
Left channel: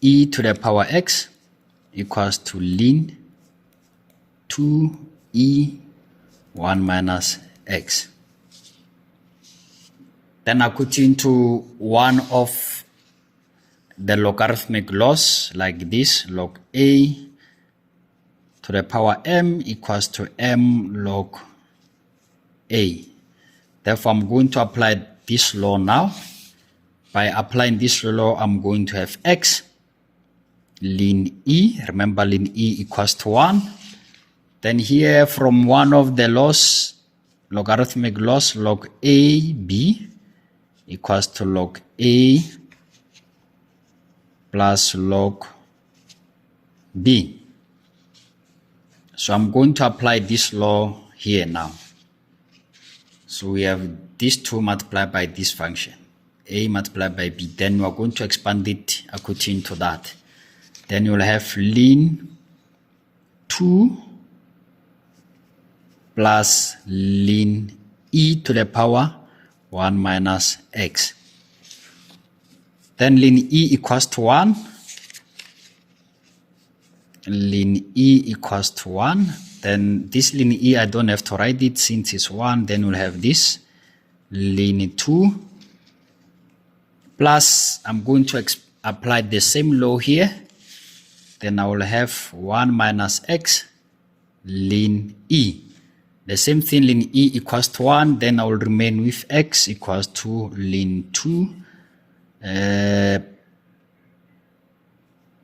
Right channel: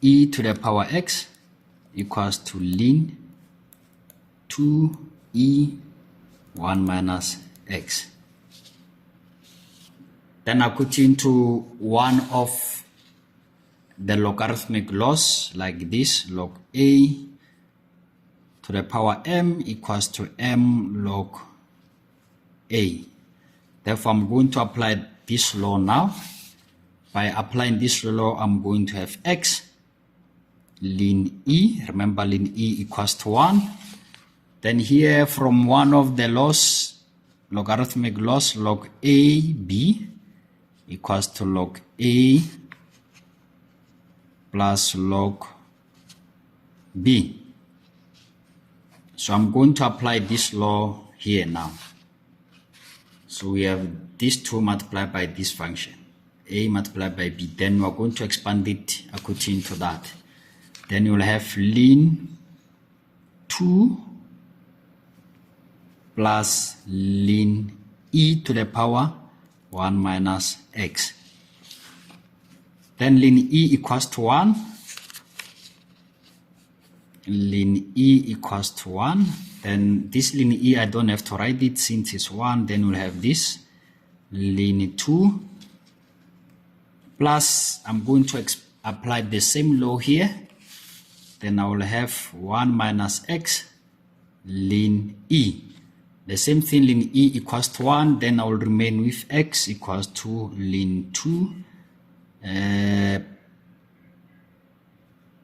e to the power x equals to ln 2e 1 minus x. Then I put into one of the logarithmic laws like this, log a to the power m equals to m log a. Therefore, I'm going to apply this law now. By applying this law, I'm going to have x ln e. Remember, ln e equals to 1. Then here from one of the laws, logarithmic laws, log a b equals to log a plus log b. So I'm going to apply this law here now. So we have these two multiplied by this function, a multiplied by b. Then we're going to expand it according to that. Then you'll have ln 2 plus ln e to the power 1 minus x. Then ln e equals to 1. Ln e equals to 1. Then this ln e, I don't have to write it since it's 1. Then we'll have this ln 2 plus, I'm going to apply the same law here. Then I will have 1 minus x ln e. The same thing, ln e equals to 1, then I will remain with x equals to ln 2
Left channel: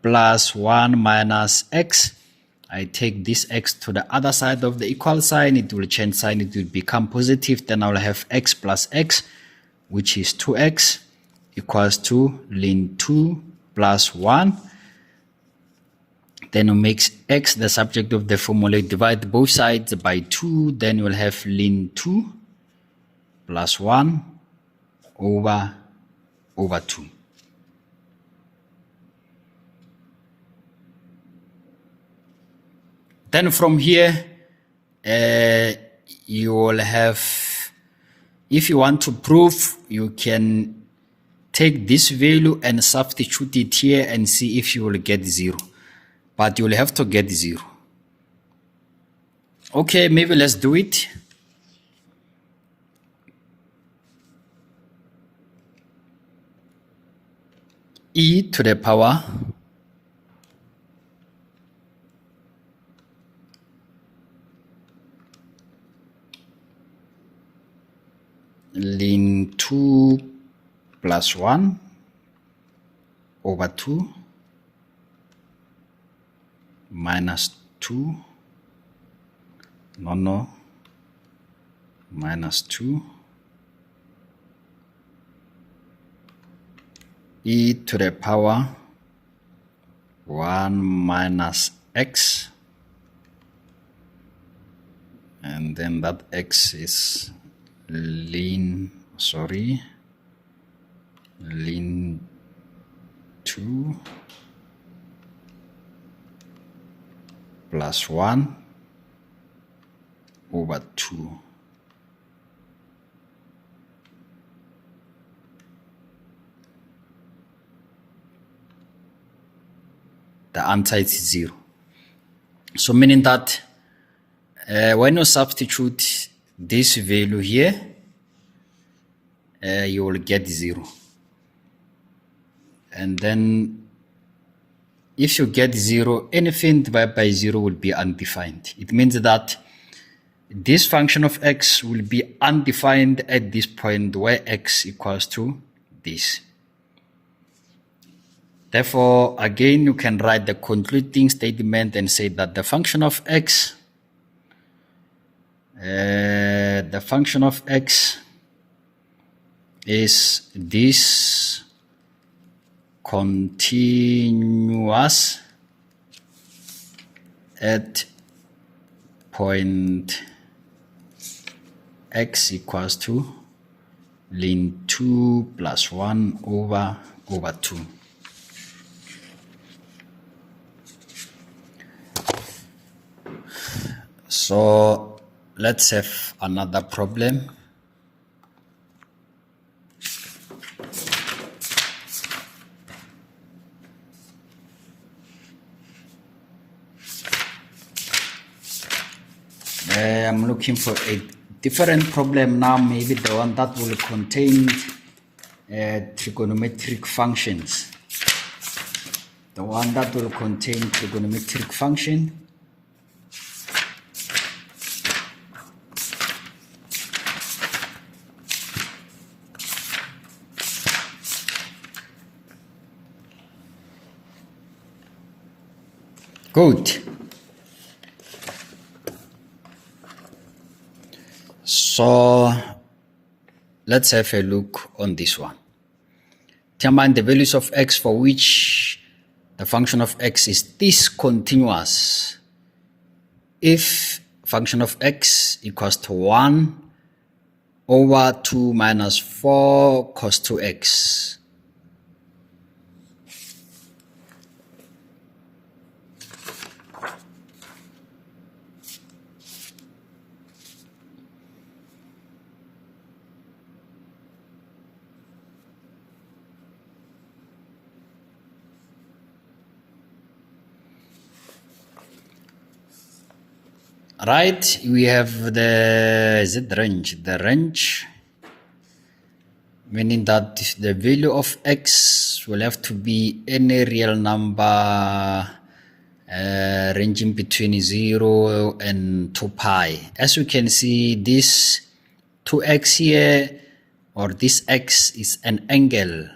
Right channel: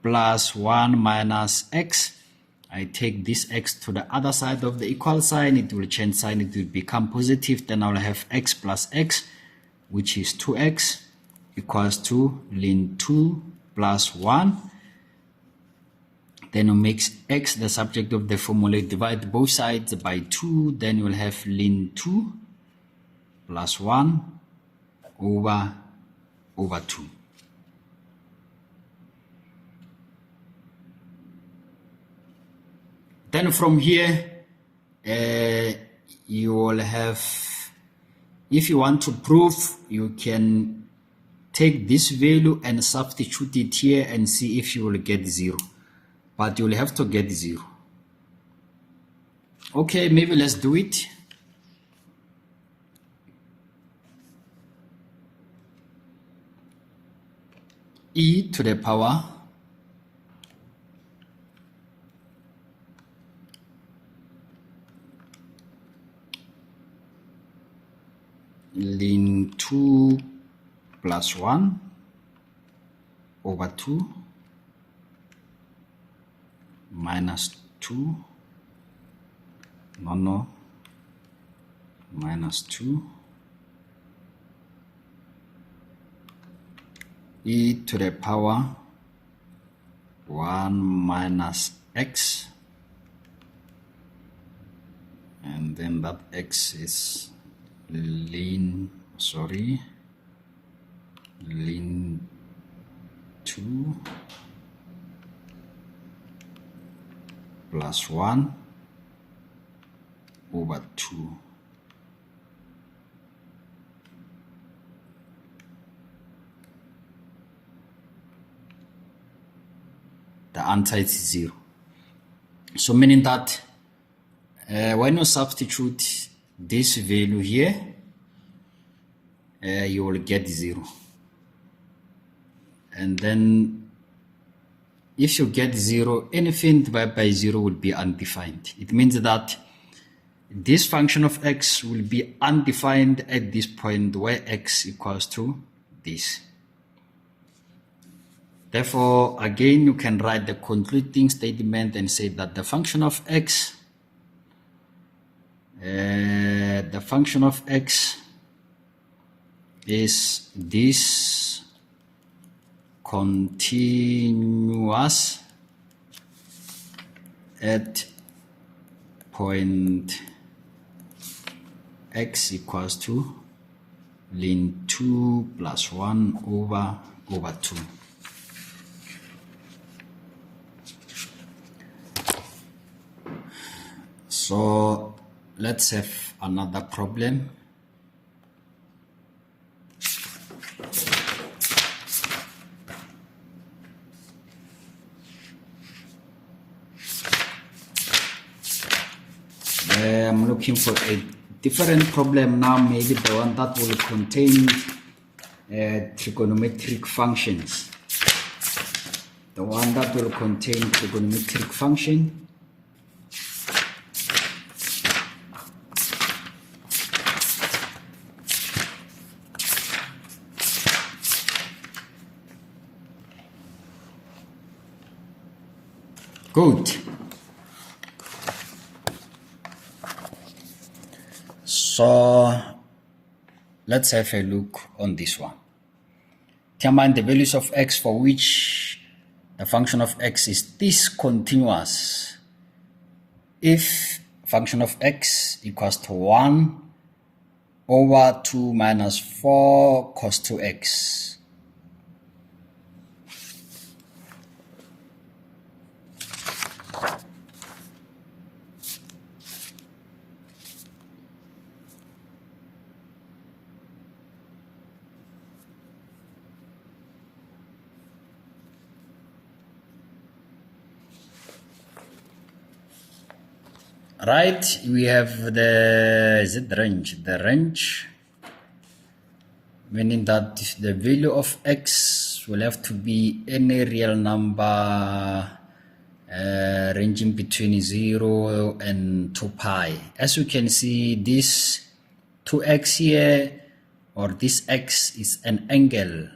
plus 1 minus x. I take this x to the other side of the equal sign, it will change sign, it will become positive, then I will have x plus x, which is 2x equals to ln 2 plus 1. Then we make x the subject of the formula, divide both sides by 2, then we'll have ln 2 plus 1 over 2. Then from here, you will have, if you want to prove, you can take this value and substitute it here and see if you will get 0. But you will have to get 0. Okay, maybe let's do it. E to the power ln 2 plus 1 over 2 minus 2 minus 2 e to the power 1 minus x, and then that x is ln 2 plus 1 over 2. The answer is 0. So meaning that when you substitute this value here, you will get 0. And then if you get 0, anything divided by 0 will be undefined. It means that this function of x will be undefined at this point where x equals to this. Therefore, again, you can write the concluding statement and say that the function of x is this continuous at point x equals to ln 2 plus 1 over 2. So let's have another problem. I'm looking for a different problem now, maybe the one that will contain trigonometric functions. The one that will contain trigonometric function. Good. So let's have a look on this one. Determine the values of x for which the function of x is discontinuous. If function of x equals to 1 over 2 minus 4 cos 2x. Right, we have the range, meaning that the value of x will have to be any real number ranging between 0 and 2 pi. As you can see, this 2x here, or this x, is an angle.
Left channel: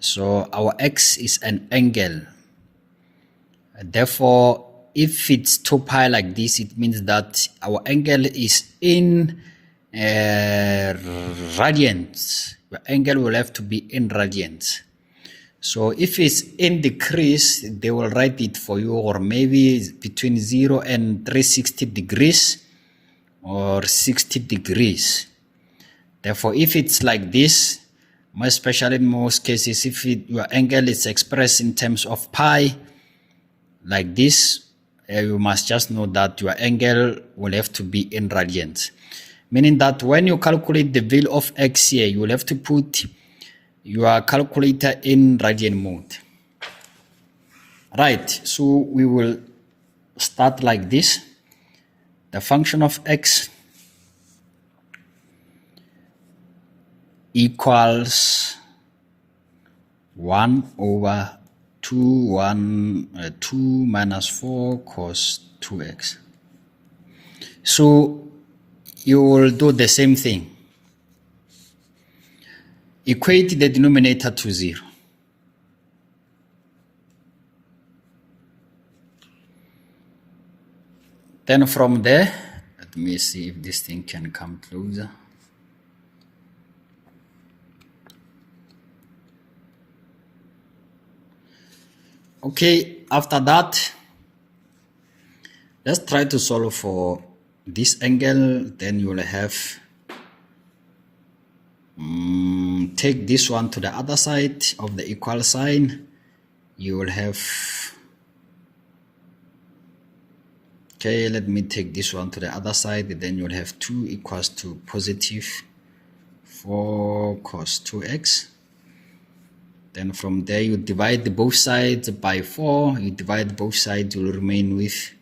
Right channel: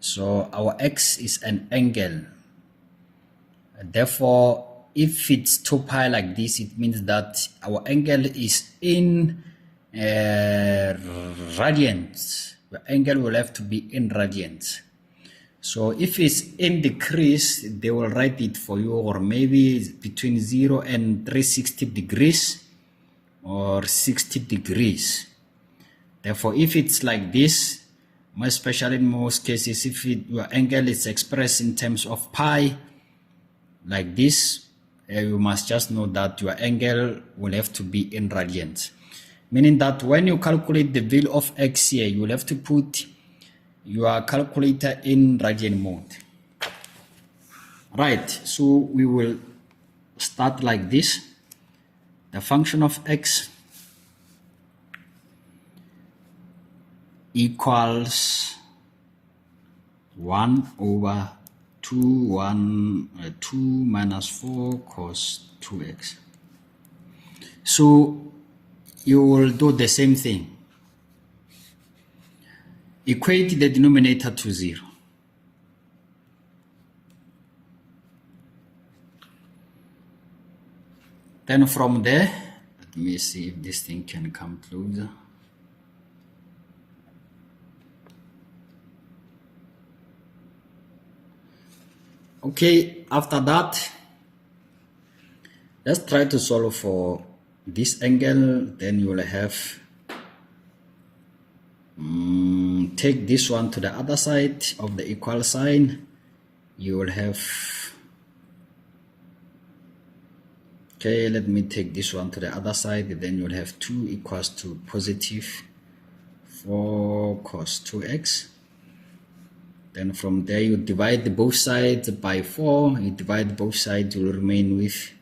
So our x is an angle. Therefore, if it's 2 pi like this, it means that our angle is in radians. The angle will have to be in radians. So if it's in degrees, they will write it for you, or maybe it's between 0 and 360 degrees or 60 degrees. Therefore, if it's like this, especially in most cases, if your angle is expressed in terms of pi, like this, you must just know that your angle will have to be in radians. Meaning that when you calculate the value of x here, you will have to put your calculator in radian mode. Right, so we will start like this. The function of x equals 1 over 2 minus 4 cos 2x. So you will do the same thing. Equate the denominator to 0. Then from there, let me see if this thing can come closer. Okay, after that, let's try to solve for this angle. Then you will have take this one to the other side of the equal sign. You will have, okay, let me take this one to the other side. Then you'll have 2 equals to positive 4 cos 2x. Then from there, you divide both sides by 4. You divide both sides, you will remain with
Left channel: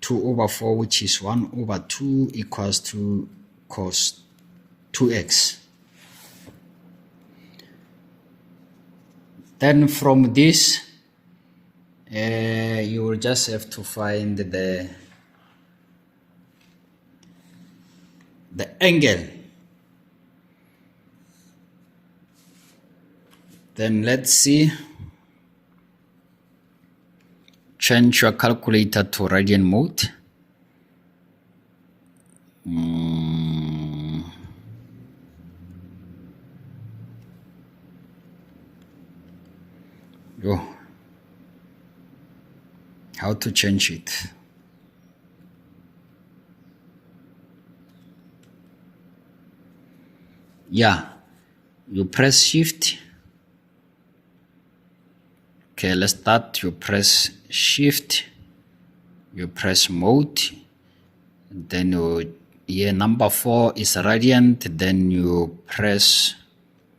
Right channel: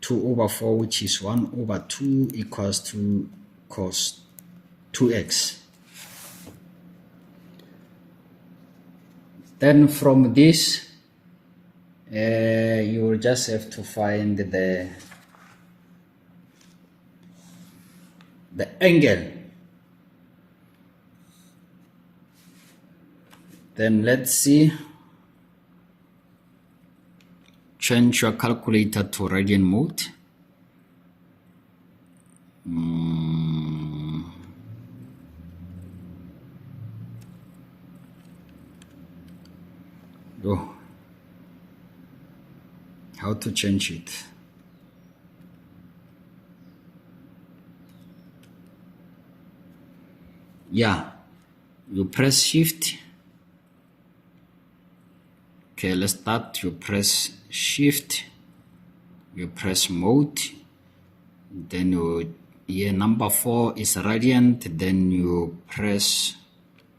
2 over 4, which is 1 over 2 equals to cos 2x. Then from this, you will just have to find the angle. Then let's see. Change your calculator to radian mode. How to change it? Yeah, you press shift. Okay, let's start. You press shift, you press mode, then here number 4 is radiant, then you press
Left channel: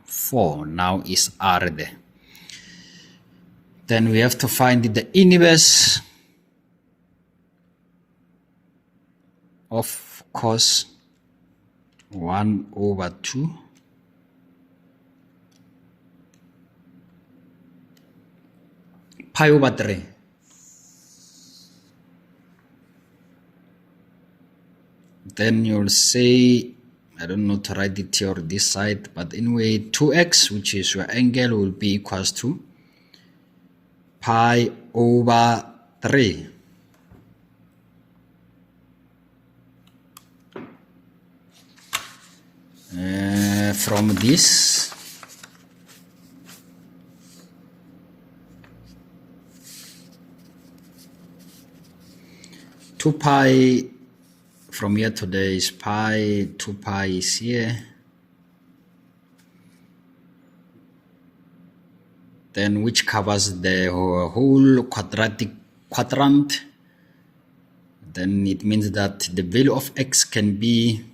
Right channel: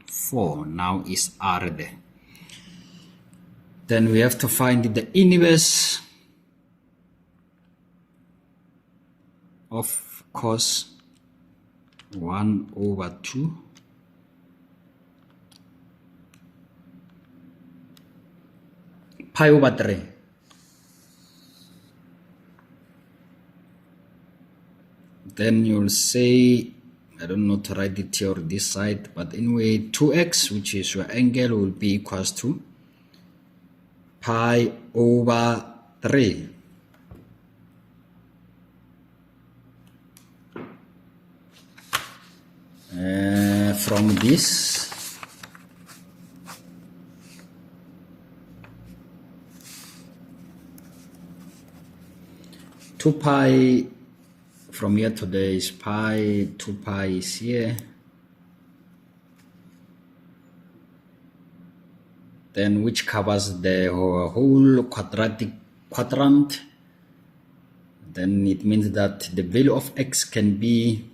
4. Now is R there. Then we have to find the inverse of cos 1 over 2 pi over 3. Then you'll say, I don't know to write it here on this side, but anyway, 2x, which is your angle, will be equals to pi over 3. From this, two pi from here to there is pi, 2 pi is here. Then which covers the whole quadratic quadrant. Then it means that the value of x can be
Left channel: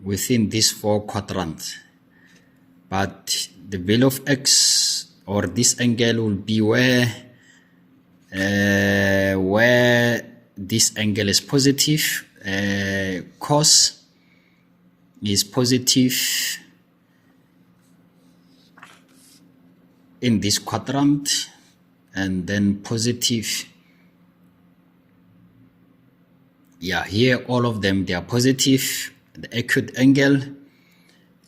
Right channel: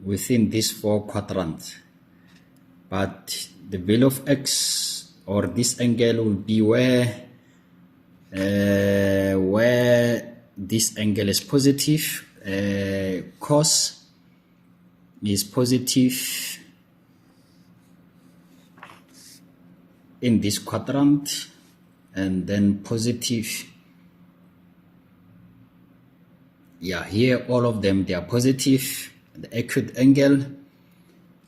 within these 4 quadrants. But the value of x, or this angle, will be where this angle is positive, cos is positive in this quadrant, and then positive. Yeah, here all of them, they are positive. The acute angle,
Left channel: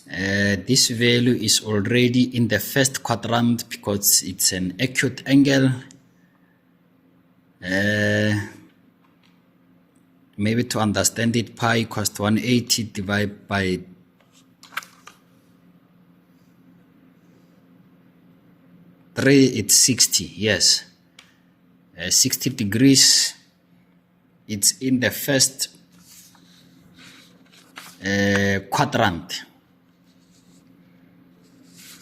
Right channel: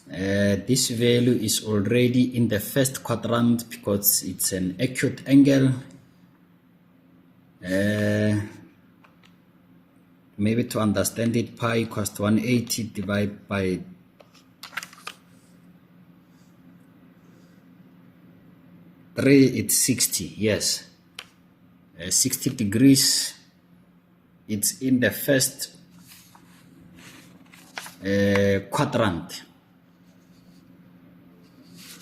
this value is already in the first quadrant because it's an acute angle. Maybe to understand it, pi equals to 180 divided by 3, it's 60. Yes, 60 degrees. It's in the first quadrant.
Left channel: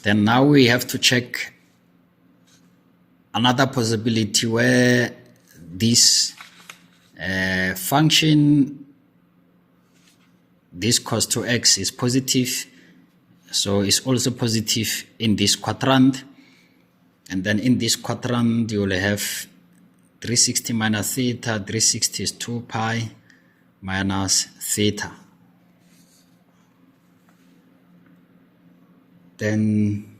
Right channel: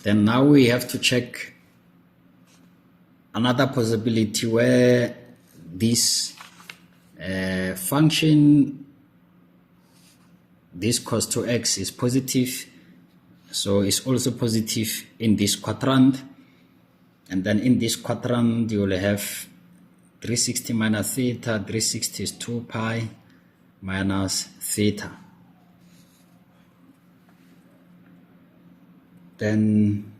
Then now we have to check another possibility where this function, this cos 2x is positive, so it's also positive in this quadrant. And then in this quadrant you will have 360 minus theta. 360 is 2 pi minus theta. Then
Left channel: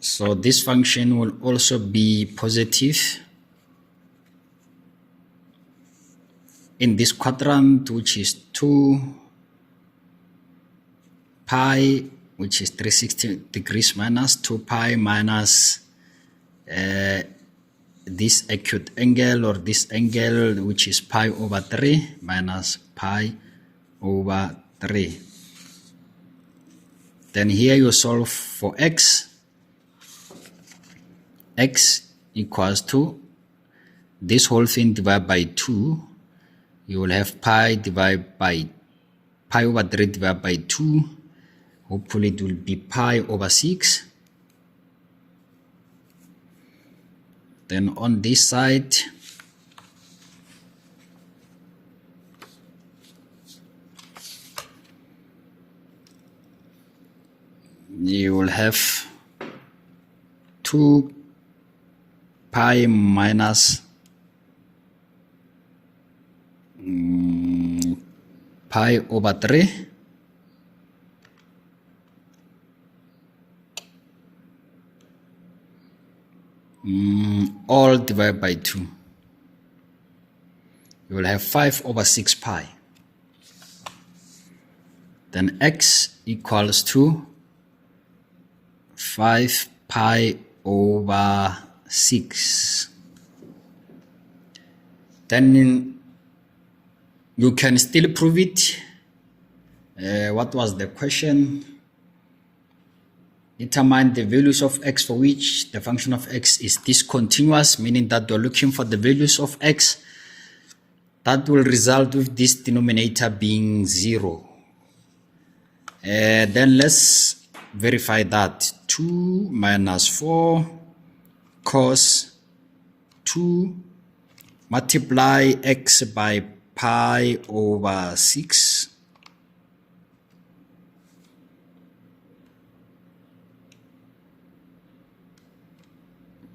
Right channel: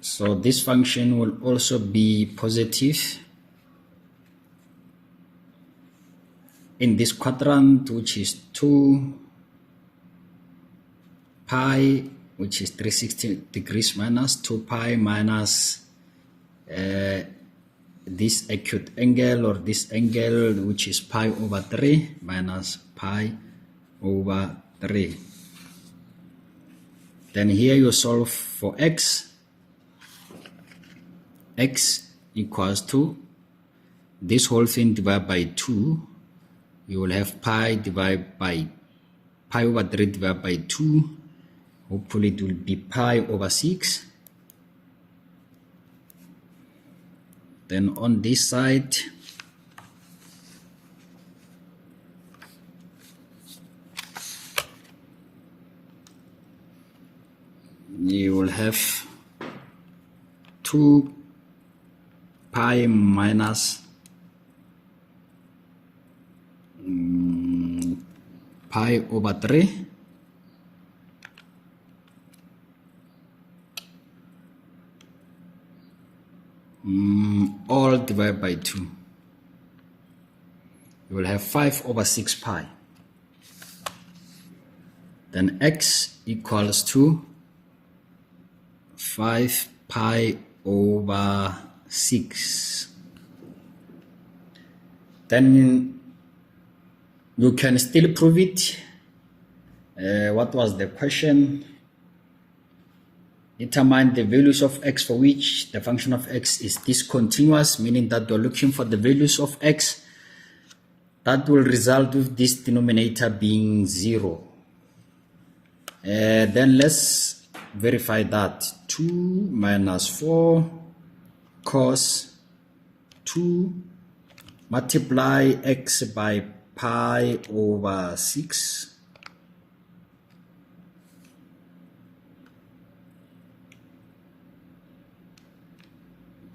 so this function will also be positive in this quadrant, which is 2 pi, which is 360 degrees minus 2 pi minus this acute angle, or this angle, which is pi over 3 minus pi over 3. Then here you solve for x. X equals to this whole thing divided by 2. You will have pi divided by pi over 3 divided by 2. Hopefully it will be pi over 6. Then on this side, you will have 2 pi minus pi over 3 all divided by 2. You will have 5 over 6 pi. Then x equals to 5 pi over 6. Then you can still prove it. What was the question? Determine the values of x for which the function of x is discontinuous, meaning that we're looking for the values of x that will result with this denominator being 0. Then let's verify that. 2 minus 4 cos 2 multiply x by pi over 6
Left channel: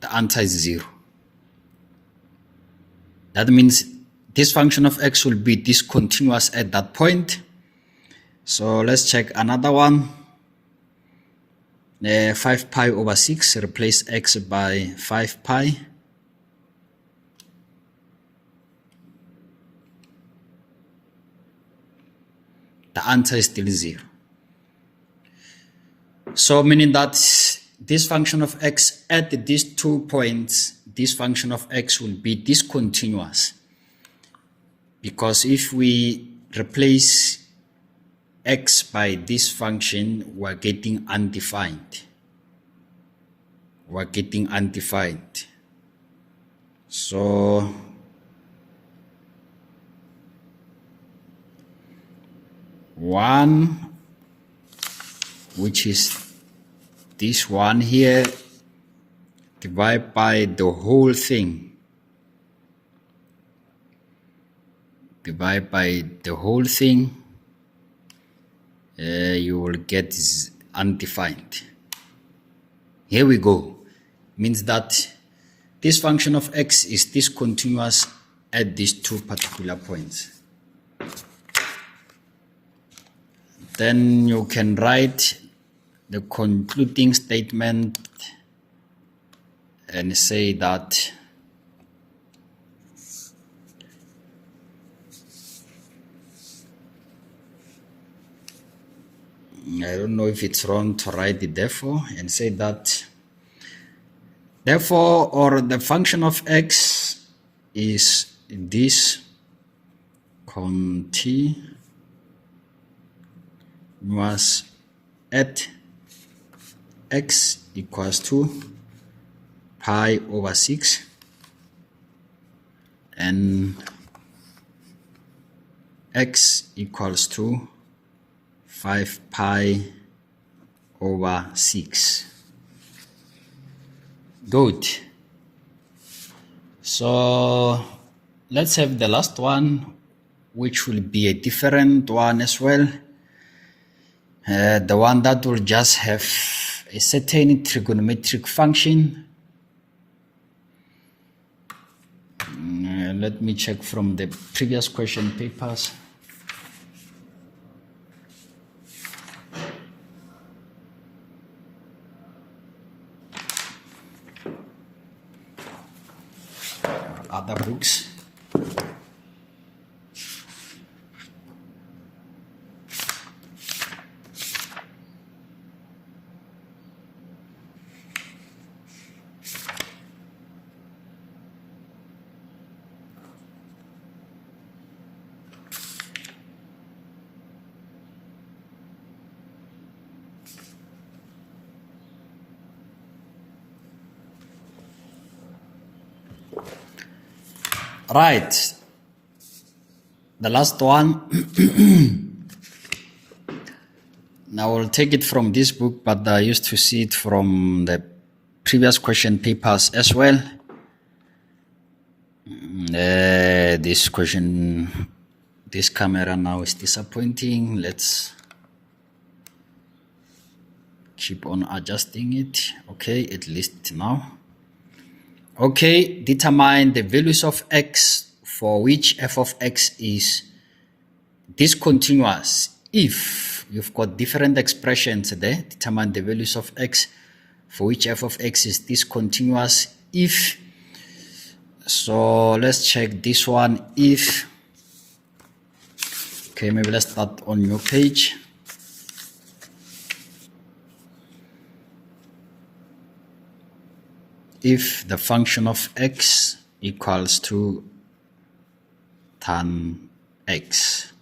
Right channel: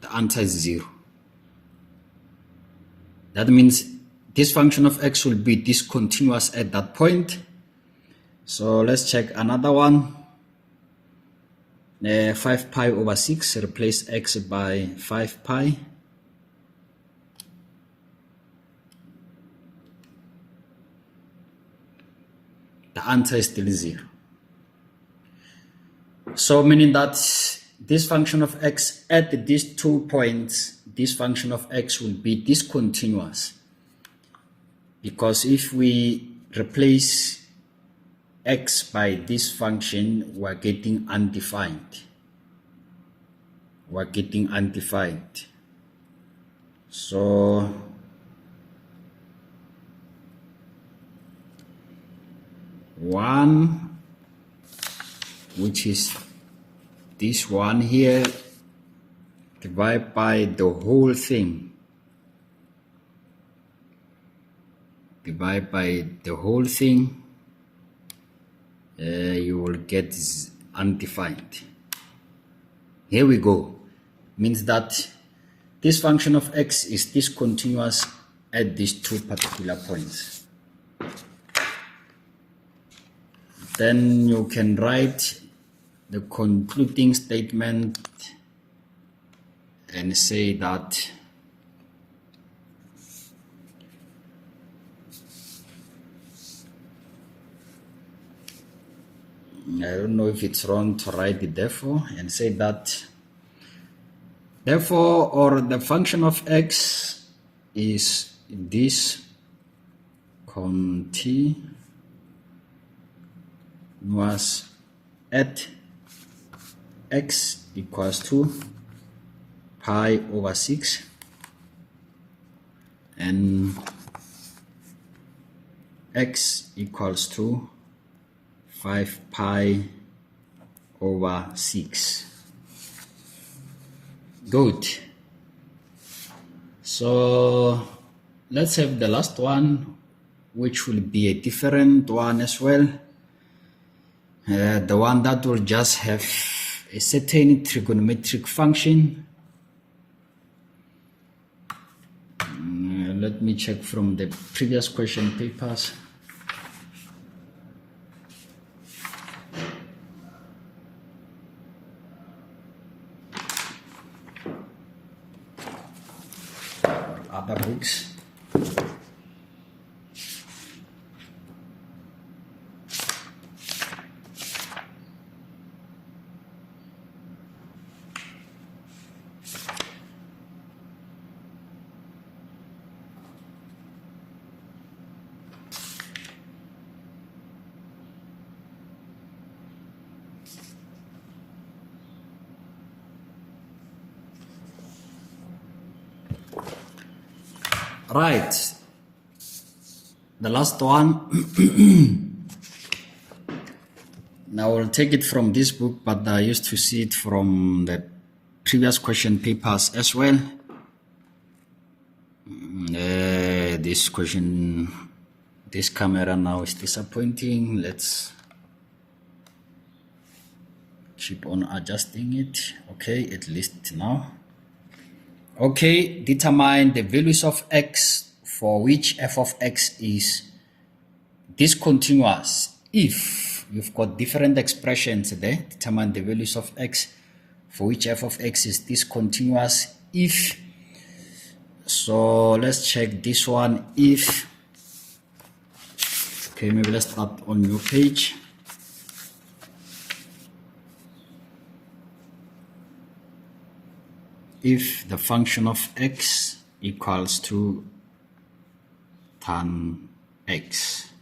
the answer is 0. That means this function of x will be discontinuous at that point. So let's check another one. 5 pi over 6, replace x by 5 pi. The answer is still 0. So meaning that this function of x at these 2 points, this function of x will be discontinuous. Because if we replace x by this function, we're getting undefined. We're getting undefined. So one, which is this one here, divided by the whole thing. Divide by the whole thing, you will get undefined. Here we go. Means that this function of x is discontinuous at these 2 particular points. Then you can write the concluding statement and say that I don't know if it's wrong to write the therefore, and say that therefore, or the function of x is this continuous at x equals to pi over 6 and x equals to 5 pi over 6. Good. So let's have the last one, which will be a different one as well. The one that will just have a certain trigonometric function. Let me check from the previous question papers. Other books. Right, the last one. Now we'll take it from this book, but I used to see it from the previous question papers as well. This camera now is disappointing. Let's keep on adjusting it. Okay, at least now. Okay, determine the values of x for which f of x is discontinuous. If you've got different expressions there, determine the values of x for which f of x is discontinuous. If, so let's check this one. If, okay, maybe let's start on your page. If the function of x equals to tan x.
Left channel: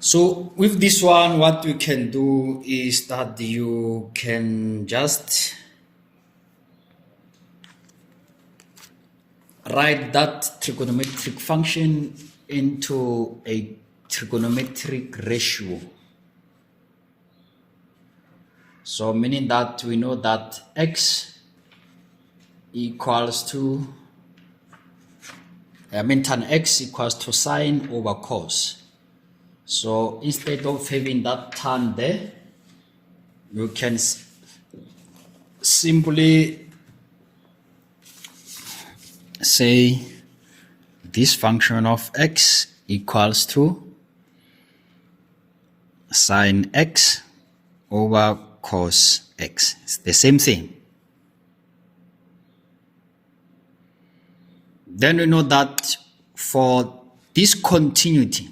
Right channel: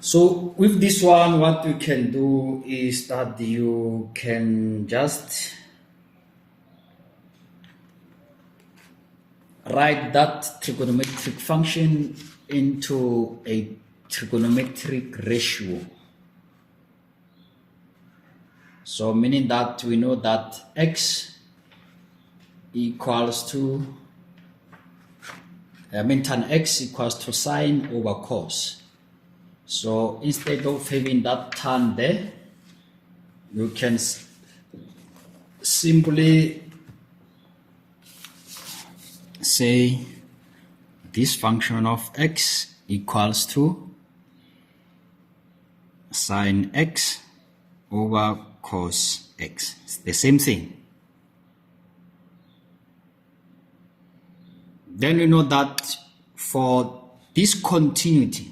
So with this one, what we can do is that you can just write that trigonometric function into a trigonometric ratio. So meaning that we know that x equals to, tan x equals to sine over cos. So instead of having that tan there, you can simply say this function of x equals to sine x over cos x. It's the same thing. Then we know that for discontinuity,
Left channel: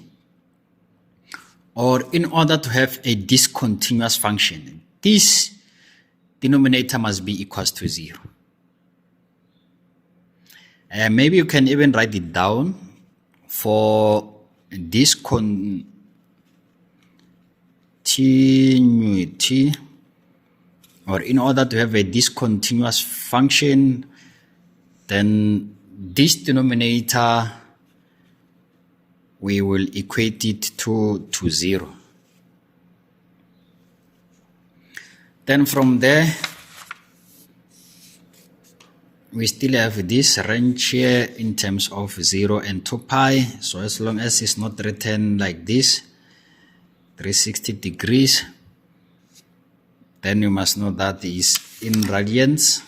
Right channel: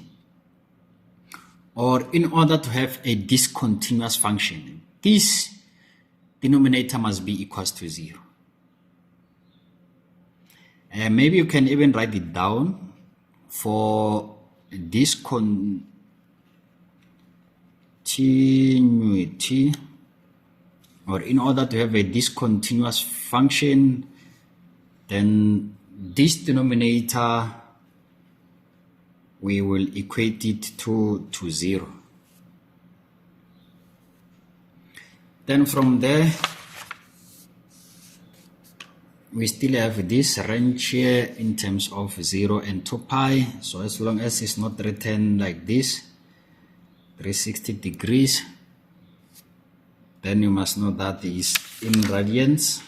or in order to have a discontinuous function, this denominator must be equals to 0. Maybe you can even write it down. For discontinuity, or in order to have a discontinuous function, then this denominator, we will equate it to 0. Then from there, we still have this range here in terms of 0 and 2 pi. So as long as it's not written like this, 360 degrees, then you must know that is in radians.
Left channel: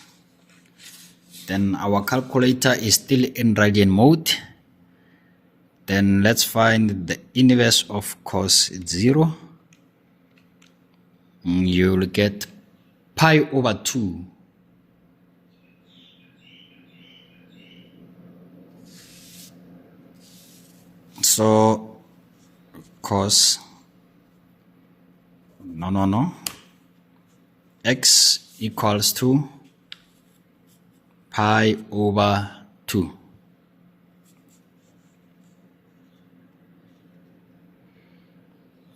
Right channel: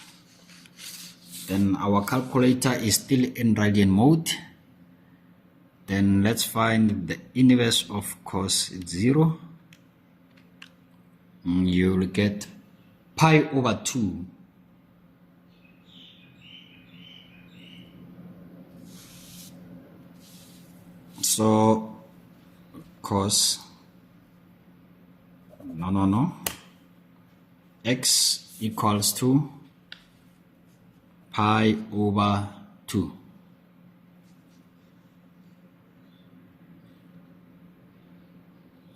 Then our calculator is still in radian mode. Then let's find the inverse of cos 0. You'll get pi over 2. So cos x equals to pi over 2.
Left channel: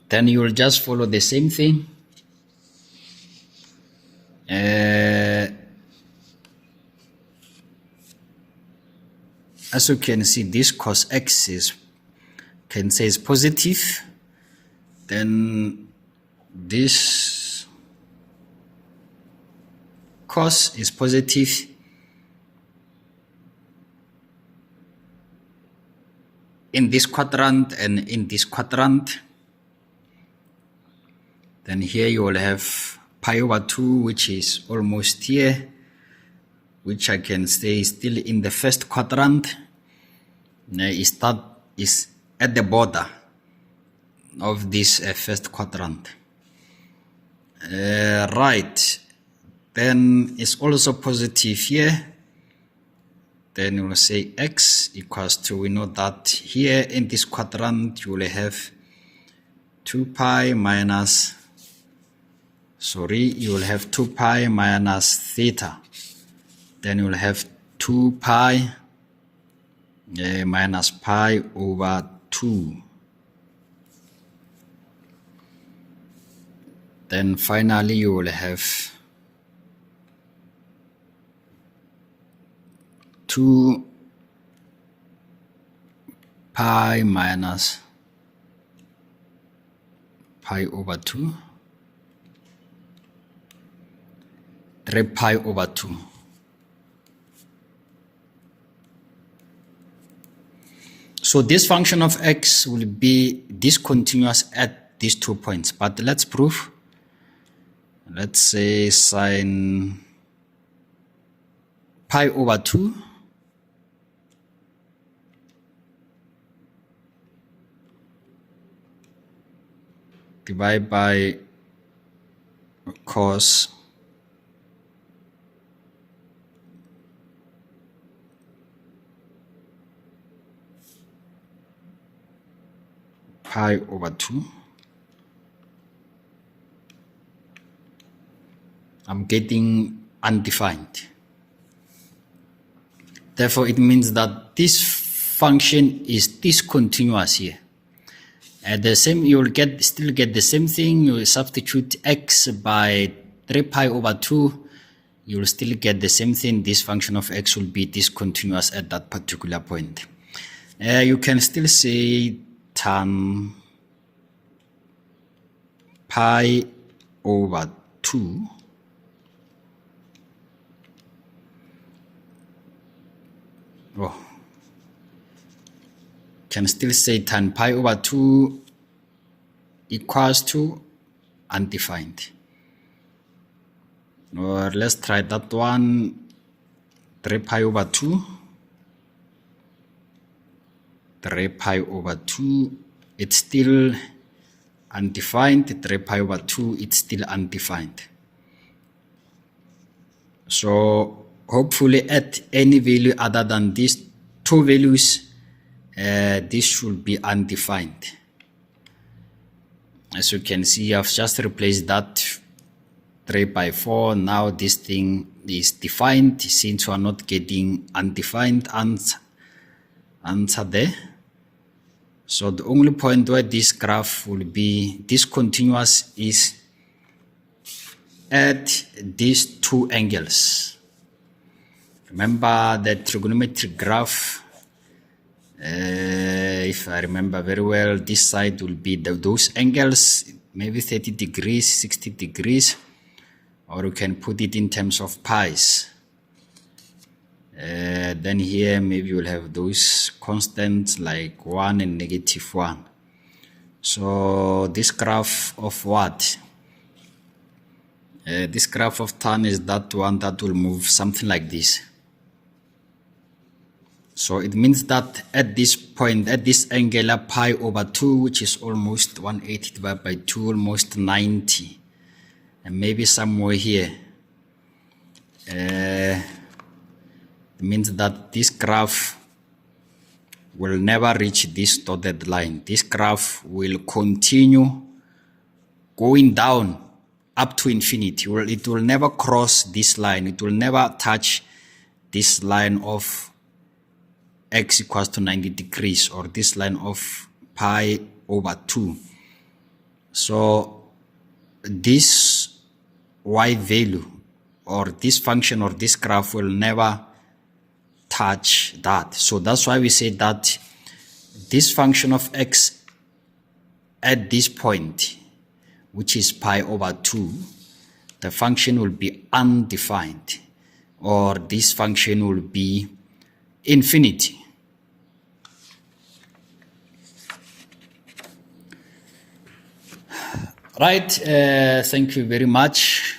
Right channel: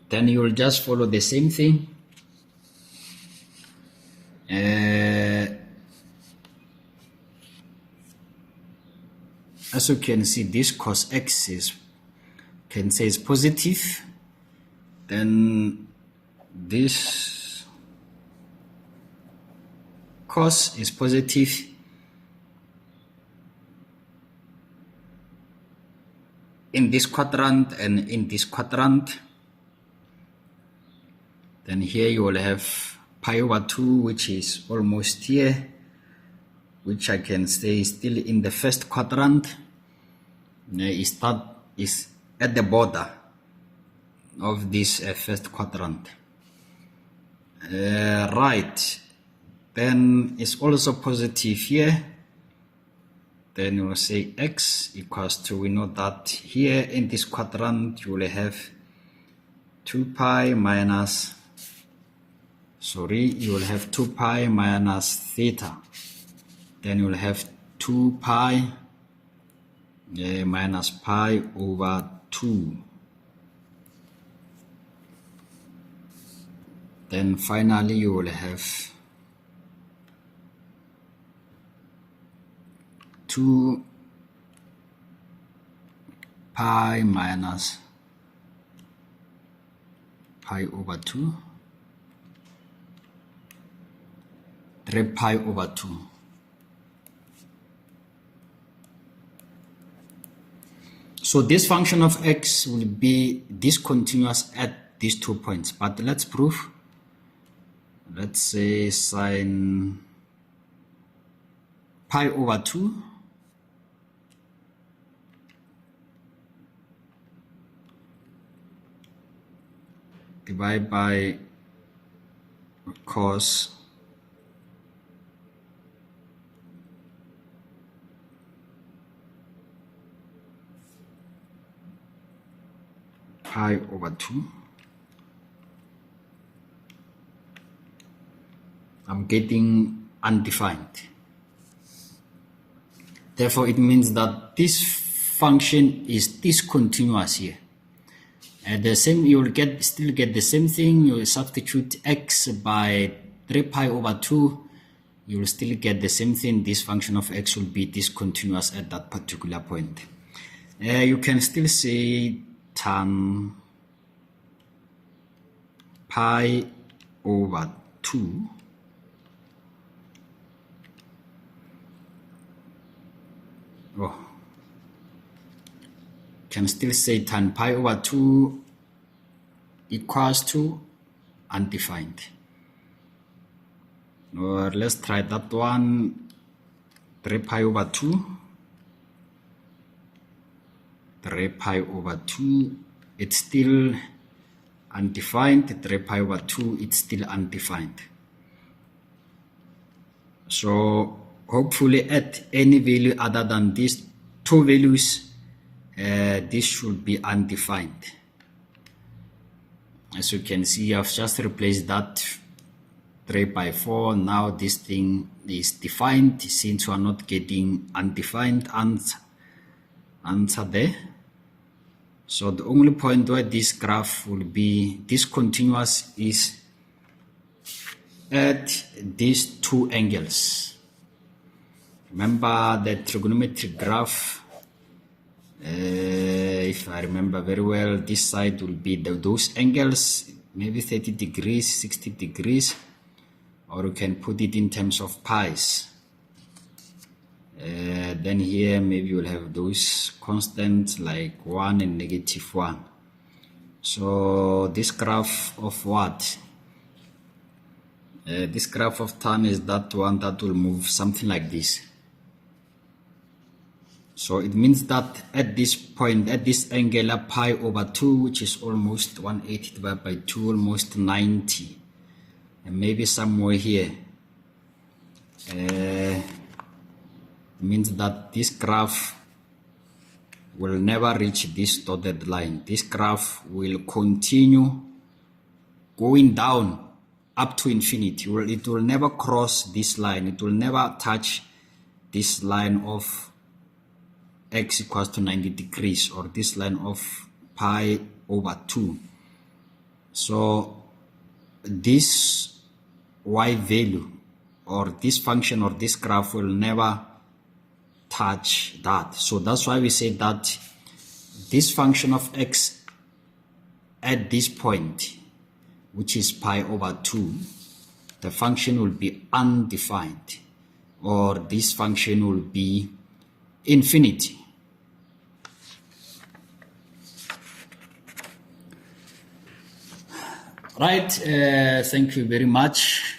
Then you will just follow the same thing. As you can see, this cos x is positive. Then this cos is positive. In this quadrant and in this quadrant. Then here you will have pi over 2, which is almost here, which I can say is still in the first quadrant. Is at the border of this first quadrant. Right. Then it's also positive here. Then we'll say x equals to, we know that here in this quadrant you will have 2 pi minus, you will have 2 pi minus theta. Then you will have 2 pi minus pi over 2. Then finally you will have 2 pi minus pi over 2, 3 pi over 2. So this function of x will be discontinuous at these 2 points. But let's prove. Let's say sine pi over 2 divided by cos pi over 2. I'm getting undefined. Therefore, it means that this function is discontinuous here. At the same, you will still get the same thing. You will substitute x by 3 pi over 2. You will still get the same thing. This function of x will be discontinuous at that particular point. You can still say tan pi over 2 can still say tan pi over 2 equals to undefined. Or let's try that one. 3 pi over 2. 3 pi over 2, it's still undefined. 3 pi over 2, it's still undefined. So hopefully at any value other than these two values, this should be undefined. As you can see, I've just replaced that 3 by 4. Now this thing is defined, since we are not getting undefined answer there. So the only point where this graph will be discontinuous is at these two angles. Remember the trigonometric graph, if I remember very well, this side will be those angles, maybe 30 degrees, 60 degrees, or you can put it in terms of pi's. Then here maybe you'll have those constants like 1 and -1. So this graph of what? This graph of tan is that one that will move something like this. So it means that at this point, at this angular pi over 2, which is almost 180 divided by 2, almost 90, and maybe somewhere here, it means that this graph will never reach this dotted line. This graph will continue going down up to infinity. It will never cross this line. It will never touch this line of x equals to 90 degrees, or this line of pi over 2. So this y value, or this function, or this graph will never touch that. So that's why we say that this function of x at this point, which is pi over 2, the function will be undefined, or this function will be infinity. Right, thank you very much.